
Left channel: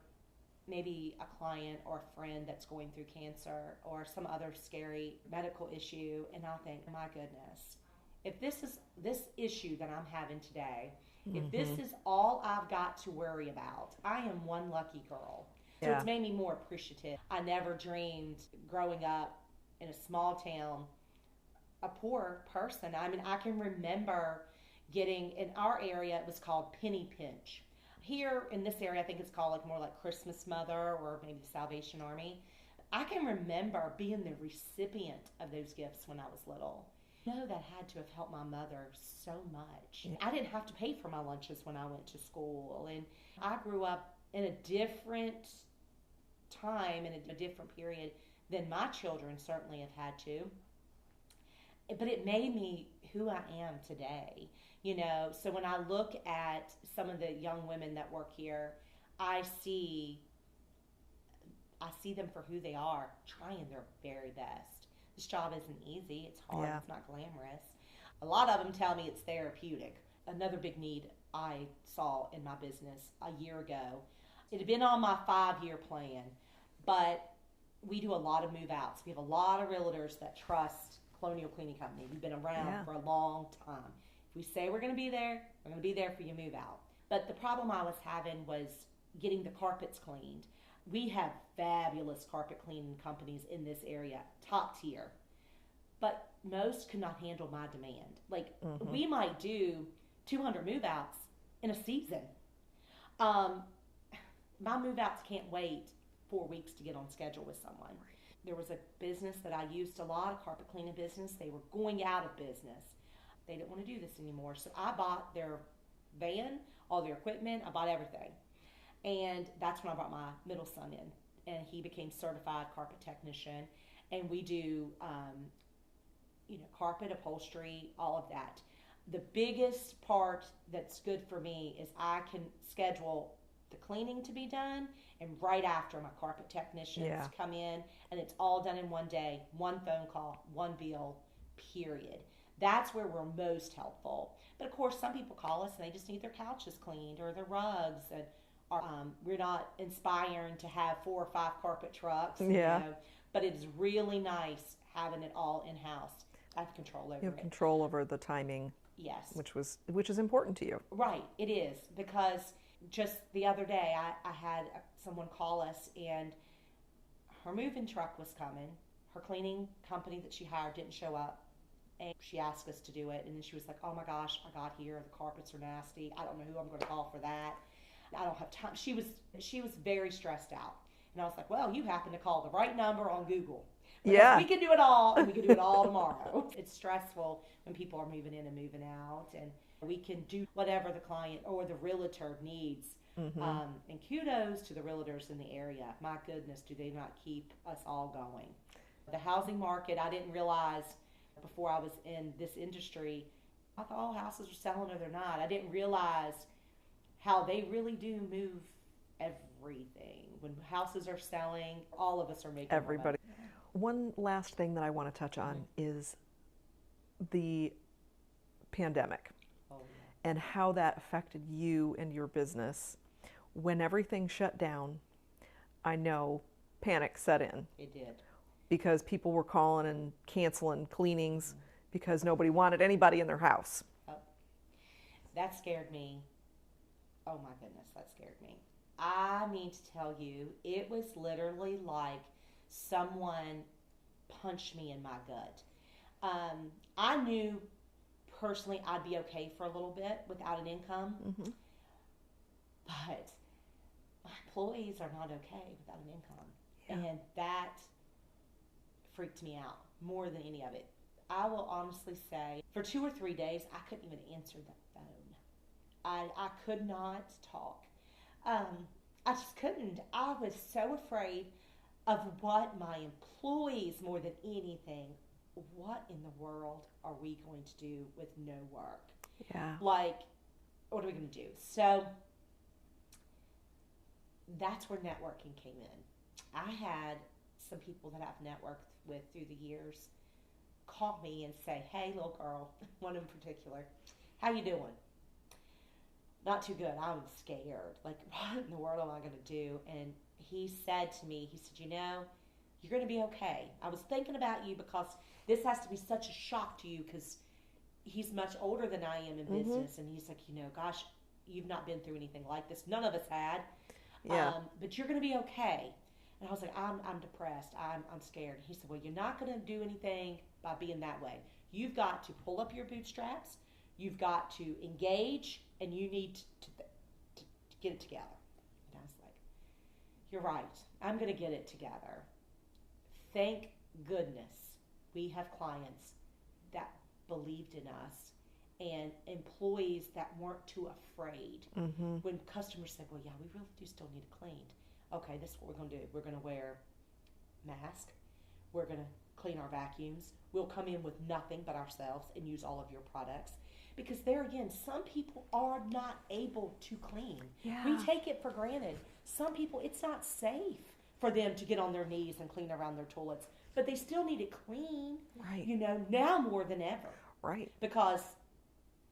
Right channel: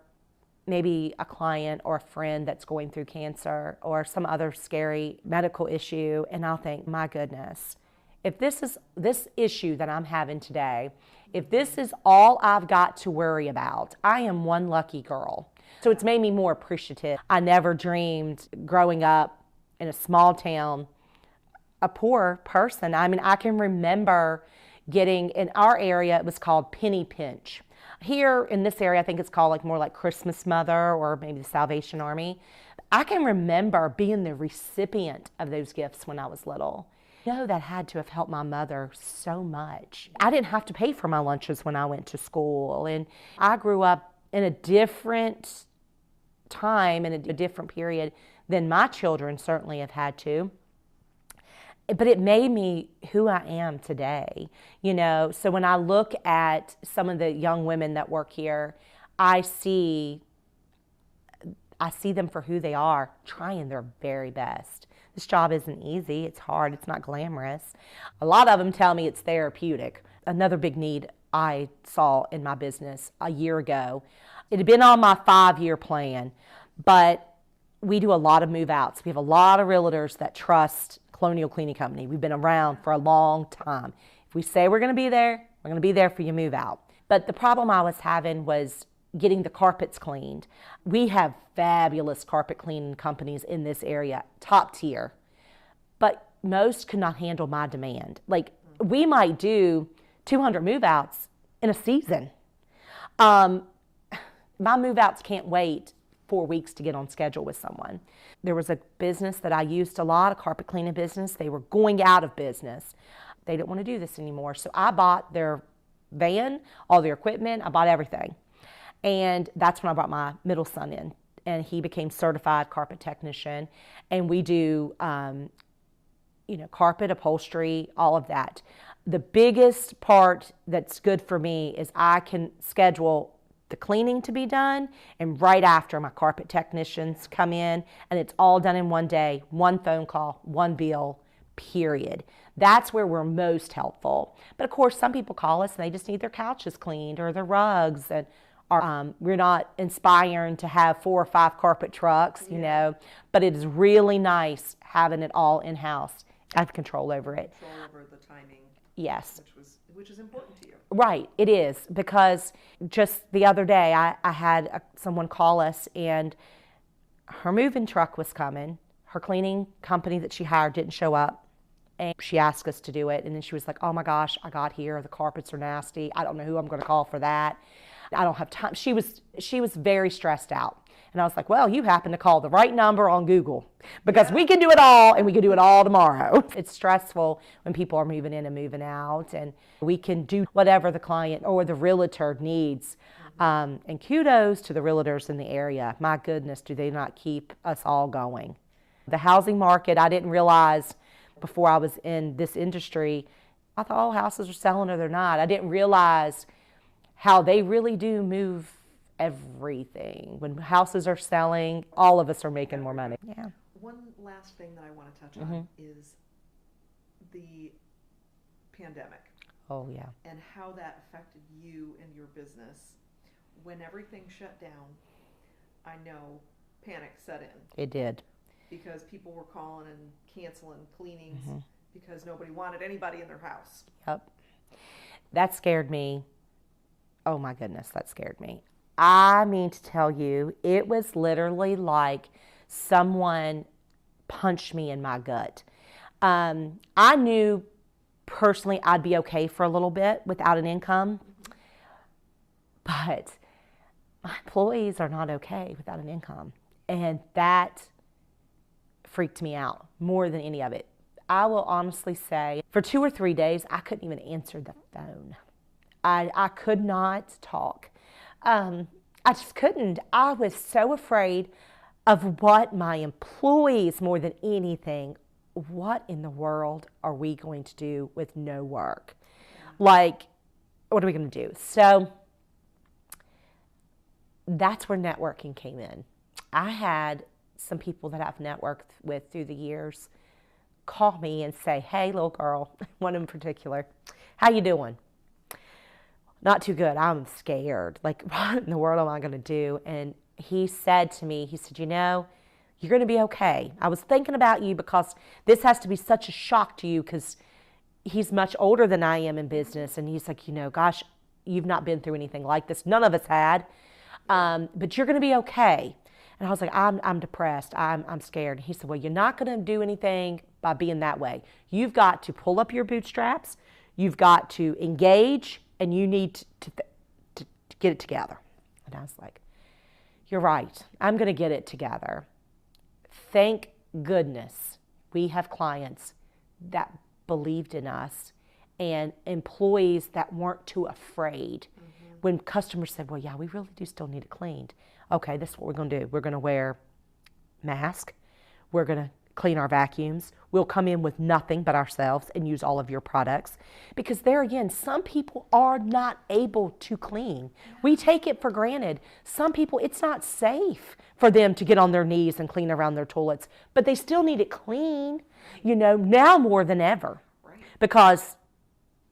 maybe a client or a friend that's going through cancer or some other scary medical issue, and I'll think, my goodness, if this issue that I'm having today, if this is all I've got to worry about, I am one lucky girl. So it's made me more appreciative. I never dreamed growing up in a small town, a poor person. I mean, I can remember getting, in our area, it was called penny pinch. Here in this area, I think it's called like more like Christmas Mother or maybe the Salvation Army. I can remember being the recipient of those gifts when I was little. You know, that had to have helped my mother so much. I didn't have to pay for my lunches when I went to school. And I grew up in a different time, in a different period than my children certainly have had to. But it made me who I am today, you know. So when I look at some of the young women that work here, I see them for who they are, trying their very best. This job isn't easy. It's hard. It's not glamorous. A lot of them tell me it's therapeutic. Another big need I saw in my business a year ago, it had been on my 5-year plan, but we do a lot of move outs. We have a lot of realtors that trust Colonial Cleaning Company. We've been around for a long time. If we say we're going to be there, we're going to be there for your move out. But the problem I was having was getting the carpets cleaned. We have fabulous carpet cleaning companies in this area, top tier. But most could not handle my demand. Like, we might do 200 move-outs in a season. My move-outs can't wait 4 weeks to get on schedule with someone. There was a business that I used a lot, a carpet cleaning business. They were going out of business. They didn't want to do this anymore. So I bought their van, all their equipment. I bought everything. And that's when I brought my middle son in. And he became certified carpet technician. And we do, carpet, upholstery, all of that. The biggest part that's good for me is I can schedule the cleaning to be done, and right after my carpet technicians come in, and it's all done in one day, one phone call, one bill, period. That's where we're most helpful. But of course, some people call us and they just need their couches cleaned or their rugs, and we're not inspiring to have 4 or 5 carpet trucks, you know, but it is really nice having it all in-house. I have control over it. Control over the timing. Yes. Which is important to you. Right, it is, because just the other day I had someone call us, and her moving truck was coming. Her cleaning company that she hired didn't show up, and she asked us to do it, and then she was like, oh my gosh, I got here, the carpets are nasty. I don't know who I'm going to call for that. I don't have time. She was very stressed out. And I was like, well, you happen to call the right number on Google, because we can do it all, and we can do it all tomorrow. It's stressful when people are moving in and moving out, and we can do whatever the client or the realtor needs. And kudos to the realtors in the area. My goodness, do they not keep us all going. The housing market, I didn't realize before I was in this industry, I thought all houses are selling or they're not. I didn't realize how they really do move everything. When houses are selling, all of us are making more money. Yeah. One last thing that I want to touch on is the pandemic. Oh, yeah. And how that affected you and your business. When everything shut down, I know panic set in. It did. Because people were calling and canceling cleanings because nobody wanted anybody in their house. Yep. That scared me. Oh my goodness, that scared me. I mean to tell you, it was literally like someone punched me in my gut. I knew personally I'd be okay for a little bit without an income, but my employees are not okay without an income. And that freaked me out more than any of it. I will honestly say, for 2 or 3 days, I couldn't even answer the phone. I could not talk. I just couldn't. I was so afraid of what my employees, more than anything, what in the world are we going to do with no work? Yeah. Like, what are we going to do? So that's where networking came in. I had some people that I've networked with through the years call me and say, hey, little girl, one in particular, how you doing? Not too good. I'm scared. Like, what in the world am I going to do? And he said to me, he said, you know, you're going to be okay. I was thinking about you because this has to be such a shock to you, because he's much older than I am in business. And he's like, you know, gosh, you've not been through anything like this. None of us had. But you're going to be okay. And I was like, I'm depressed. I'm scared. And he said, well, you're not going to do anything by being that way. You've got to pull up your bootstraps. You've got to engage, and you need to get it together. And I was like, you're right. I'm going to get it together. Thank goodness we have clients that believed in us and employees that weren't too afraid. When customers said, well, yeah, we really do still need it cleaned. Okay, this is what we're going to do. We're going to wear masks. We're going to clean our vacuums. We'll come in with nothing but ourselves and use all of your products. Because there again, some people are not able to clean. Yeah. We take it for granted. Some people, it's not safe for them to get on their knees and clean around their toilets, but they still need it clean, you know, now more than ever. Right. Because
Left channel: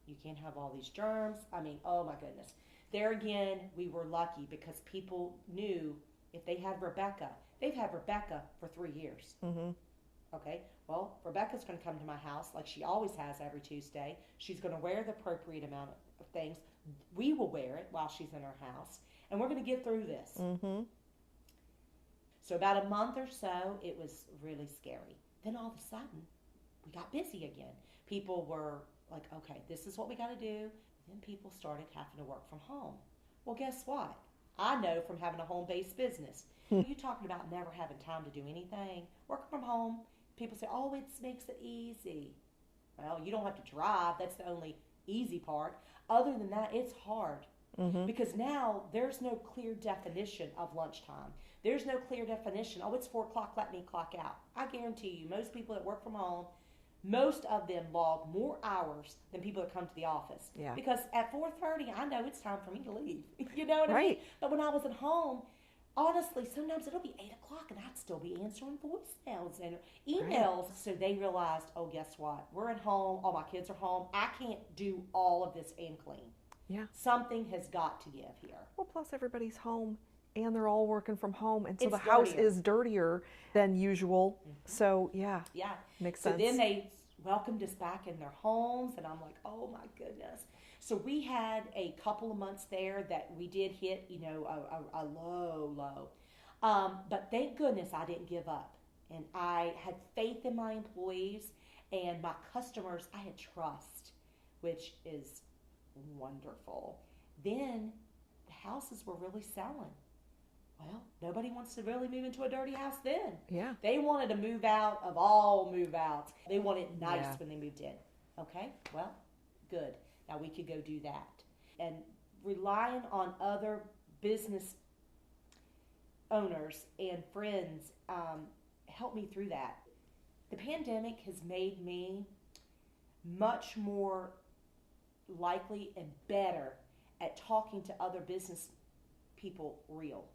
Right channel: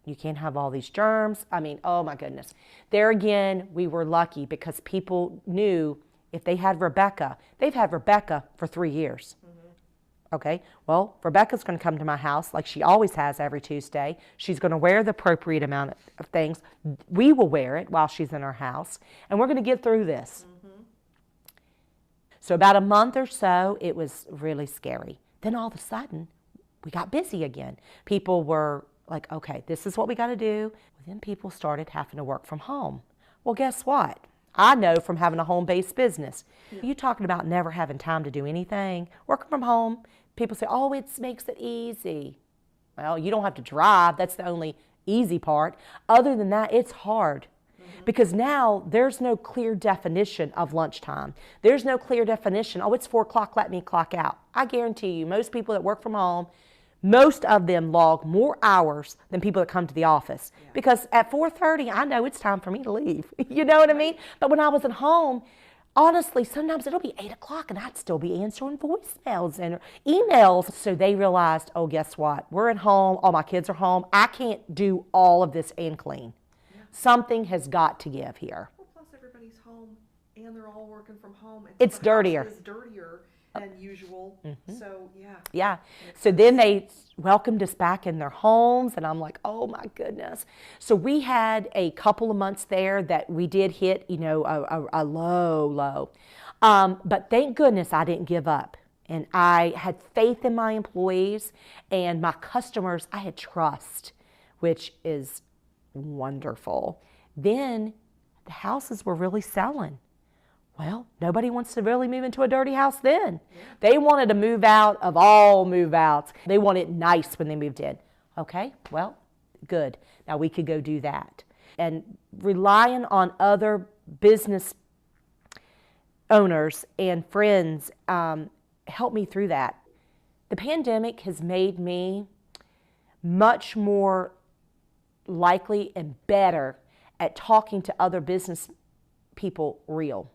you can't have all these germs. I mean, oh my goodness. There again, we were lucky because people knew if they had Rebecca, they've had Rebecca for 3 years. Okay, well, Rebecca's going to come to my house like she always has every Tuesday. She's going to wear the appropriate amount of things. We will wear it while she's in our house, and we're going to get through this. So about a month or so, it was really scary. Then all of a sudden, we got busy again. People were like, okay, this is what we got to do. Then people started having to work from home. Well, guess what? I know from having a home-based business. You talking about never having time to do anything, working from home. People say, oh, it makes it easy. Well, you don't have to drive. That's the only easy part. Other than that, it's hard. Because now there's no clear definition of lunchtime. There's no clear definition, oh, it's 4 o'clock, let me clock out. I guarantee you, most people that work from home, most of them log more hours than people that come to the office. Because at 4:30, I know it's time for me to leave. You know what I mean? But when I was at home, honestly, sometimes it'll be 8 o'clock and I'd still be answering voicemails and emails. So they realized, oh, guess what? We're at home. All my kids are home. I can't do all of this and clean. Something has got to give here. Well, plus everybody's home and they're all working from home. And so it's dirtier. House is dirtier than usual. So, Yeah. Makes so sense. Then they welcomed us back in their homes, and I'm like, oh my goodness. So we had a couple of months there that we did hit, a low. But thank goodness I didn't give up. And I had faith in my employees and my customers. I had trust, which is wonderful. Then the houses were really selling. Well, nobody wants to really move into a dirty house then. They wanted to move out of all move outs. They wanted it nice when they moved in. Okay, well, good. Now we could go do that. And relying on other business owners and friends helped me through that. The pandemic has made me much more likely and better at talking to other business people real.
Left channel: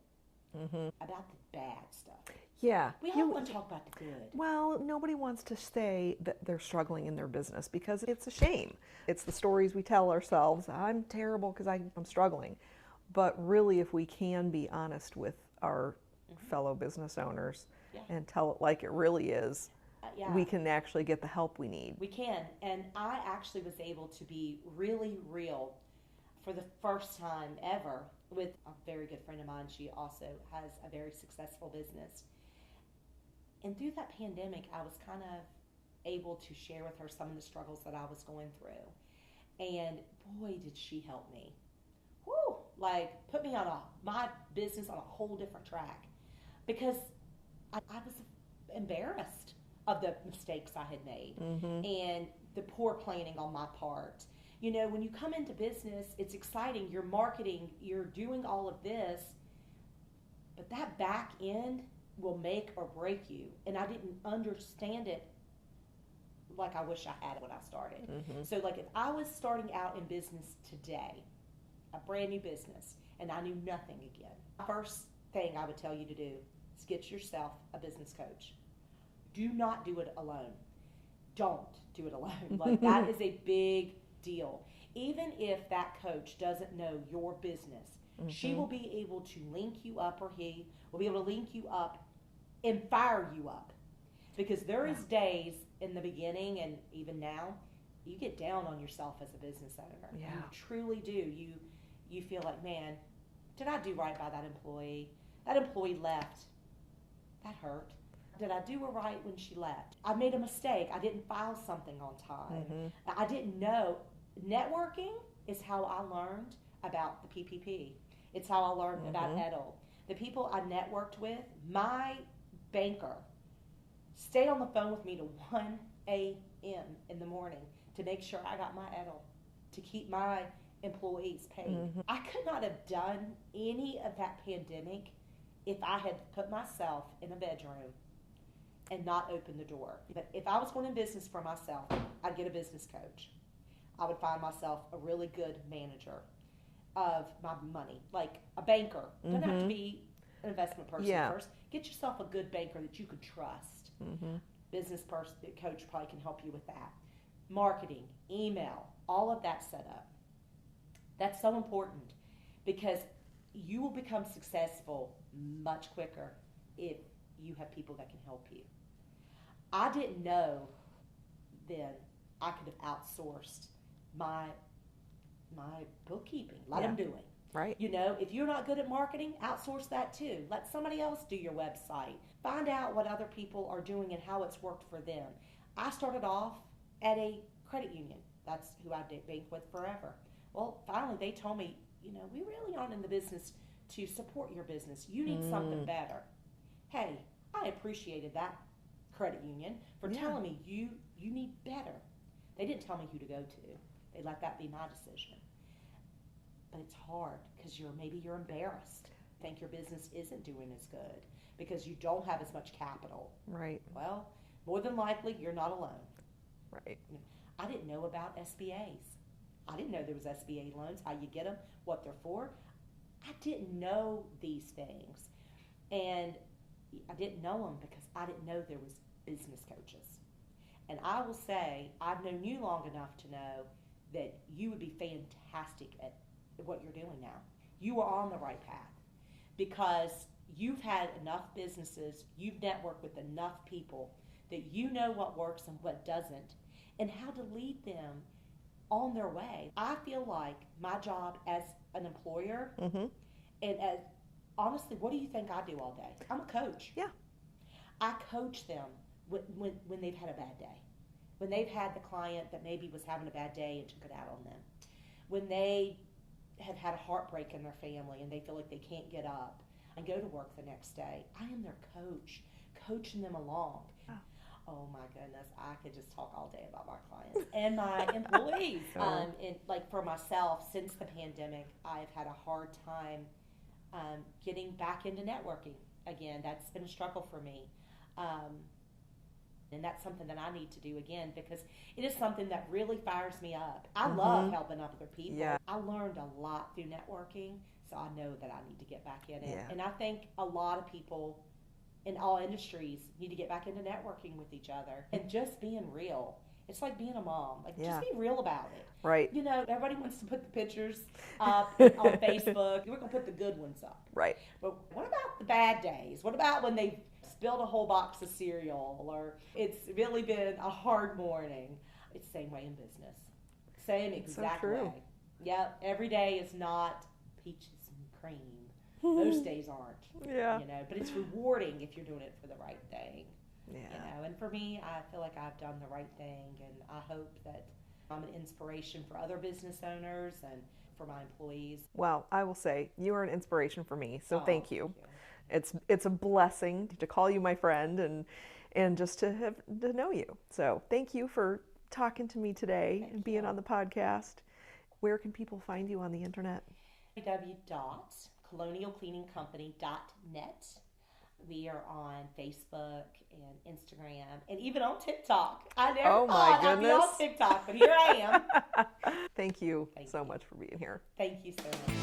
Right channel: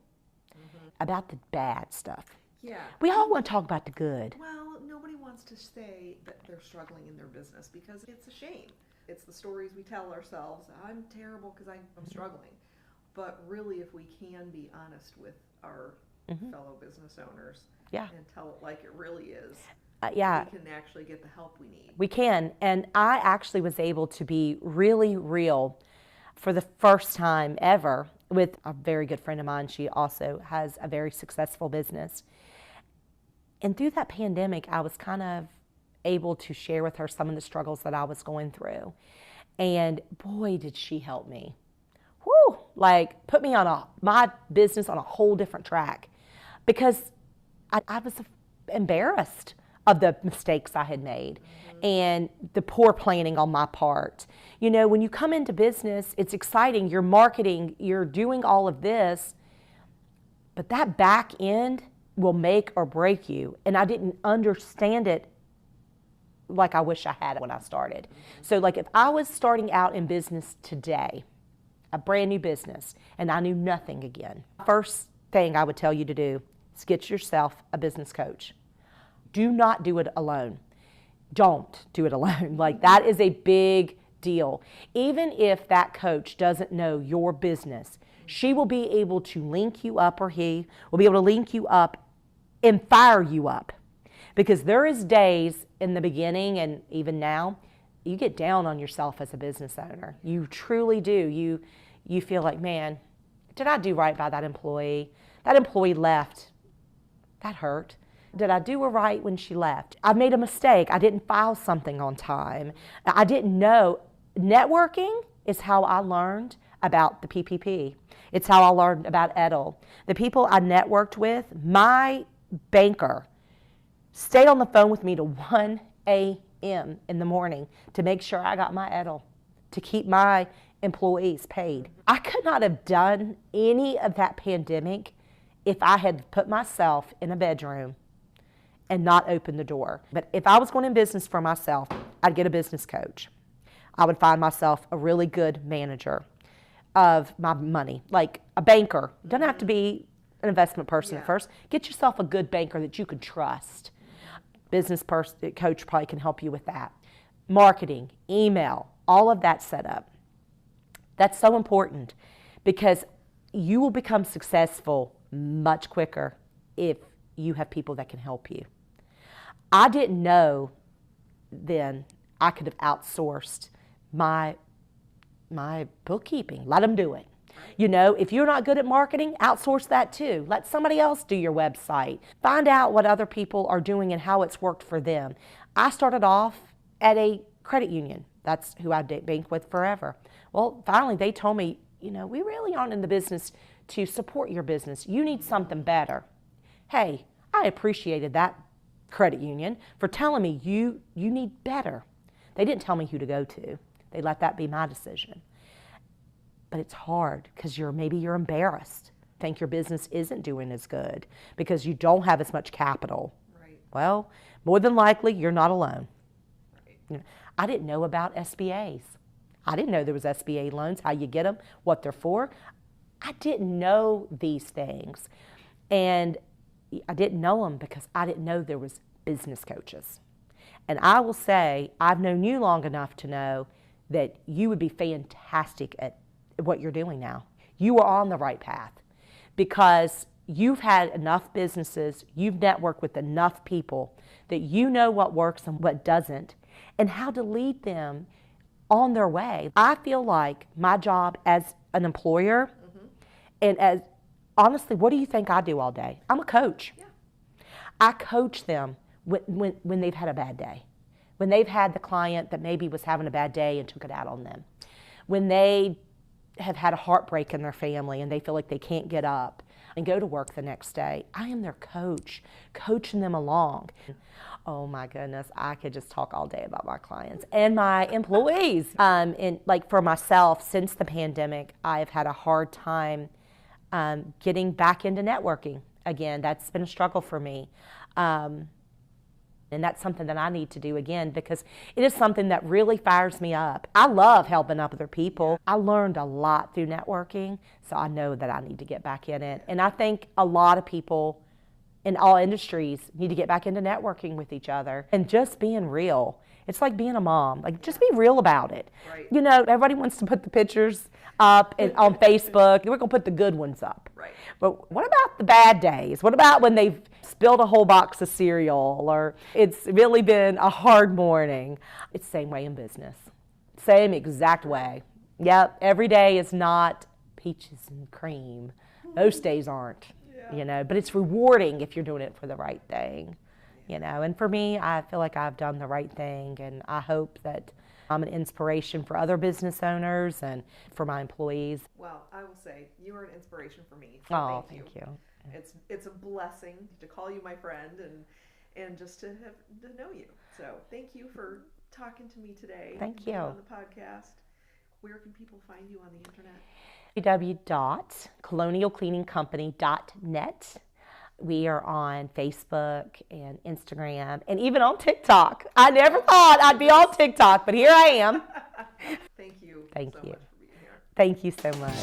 About the bad stuff. We all want to talk about the good. Well, nobody wants to say that they're struggling in their business because it's a shame. It's the stories we tell ourselves. I'm terrible because I'm struggling. But really, if we can be honest with our fellow business owners and tell it like it really is, we can actually get the help we need. We can. And I actually was able to be really real for the first time ever with a very good friend of mine. She also has a very successful business. And through that pandemic, I was kind of able to share with her some of the struggles that I was going through. And boy, did she help me. Whew, like put me on my business on a whole different track, because I was embarrassed of the mistakes I had made and the poor planning on my part. When you come into business, it's exciting. You're marketing, you're doing all of this, but that back end will make or break you. And I didn't understand it like I wish I had when I started. So like if I was starting out in business today, a brand new business, and I knew nothing again, first thing I would tell you to do is get yourself a business coach. Do not do it alone. Don't do it alone. Like that is a big deal. Even if that coach doesn't know your business, she will be able to link you up, or he will be able to link you up and fire you up. Because there is days in the beginning and even now, you get down on yourself as a business owner. You truly do. You feel like, man, did I do right by that employee? That employee left. That hurt. Did I do her right when she left? I made a mistake. I didn't file something on time. I didn't know. Networking is how I learned about the PPP. It's how I learned about EDL. The people I networked with, my banker stayed on the phone with me to 1 a.m. in the morning to make sure I got my EDL, to keep my employees paid. I could not have done any of that pandemic if I had put myself in a bedroom and not opened the door. But if I was going in business for myself, I'd get a business coach. I would find myself a really good manager of my money, like a banker. Doesn't have to be an investment person first. Get yourself a good banker that you can trust. Business coach probably can help you with that. Marketing, email, all of that set up. That's so important, because you will become successful much quicker if you have people that can help you. I didn't know then I could have outsourced my bookkeeping. Let them do it. Right. You know, if you're not good at marketing, outsource that too. Let somebody else do your website. Find out what other people are doing and how it's worked for them. I started off at a credit union. That's who I banked with forever. Well, finally they told me, you know, we really aren't in the business to support your business. You need something better. Hey, I appreciated that credit union for telling me you need better. They didn't tell me who to go to. They let that be my decision. But it's hard because maybe you're embarrassed. Think your business isn't doing as good because you don't have as much capital. Right. Well, more than likely, you're not alone. Right. You know, I didn't know about SBAs. I didn't know there was SBA loans, how you get them, what they're for. I didn't know these things. And I didn't know them because I didn't know there was business coaches. And I will say, I've known you long enough to know that you would be fantastic at what you're doing now. You are on the right path because you've had enough businesses, you've networked with enough people that you know what works and what doesn't and how to lead them on their way. I feel like my job as an employer and as, honestly, what do you think I do all day? I'm a coach. Yeah. I coach them when they've had a bad day, when they've had the client that maybe was having a bad day and took it out on them, when they have had a heartbreak in their family and they feel like they can't get up and go to work the next day. I am their coach, coaching them along. Oh my goodness, I could just talk all day about my clients and my employees. And like for myself, since the pandemic, I've had a hard time getting back into networking again. That's been a struggle for me. And that's something that I need to do again because it is something that really fires me up. I love helping other people. Yeah. I learned a lot through networking, so I know that I need to get back in it. Yeah. And I think a lot of people in all industries need to get back into networking with each other and just being real. It's like being a mom. Like, just be real about it. Right. You know, everybody wants to put the pictures up on Facebook. We're going to put the good ones up. Right. But what about the bad days? What about when they've spilled a whole box of cereal or it's really been a hard morning? It's the same way in business. Same exact way. Yep. Every day is not peaches and cream. Most days aren't. Yeah. You know, but it's rewarding if you're doing it for the right thing. You know, and for me, I feel like I've done the right thing, and I hope that I'm an inspiration for other business owners and for my employees. Well, I will say you are an inspiration for me, so thank you. It's a blessing to call you my friend and just to know you. So thank you for talking to me today. Thank you. Being on the podcast. Where can people find you on the internet? www.colonialcleaningcompany.net. We are on Facebook and Instagram and even on TikTok. I never thought I'd be on TikTok, but here I am. Thank you Thank so you much for being here. Thank you so much.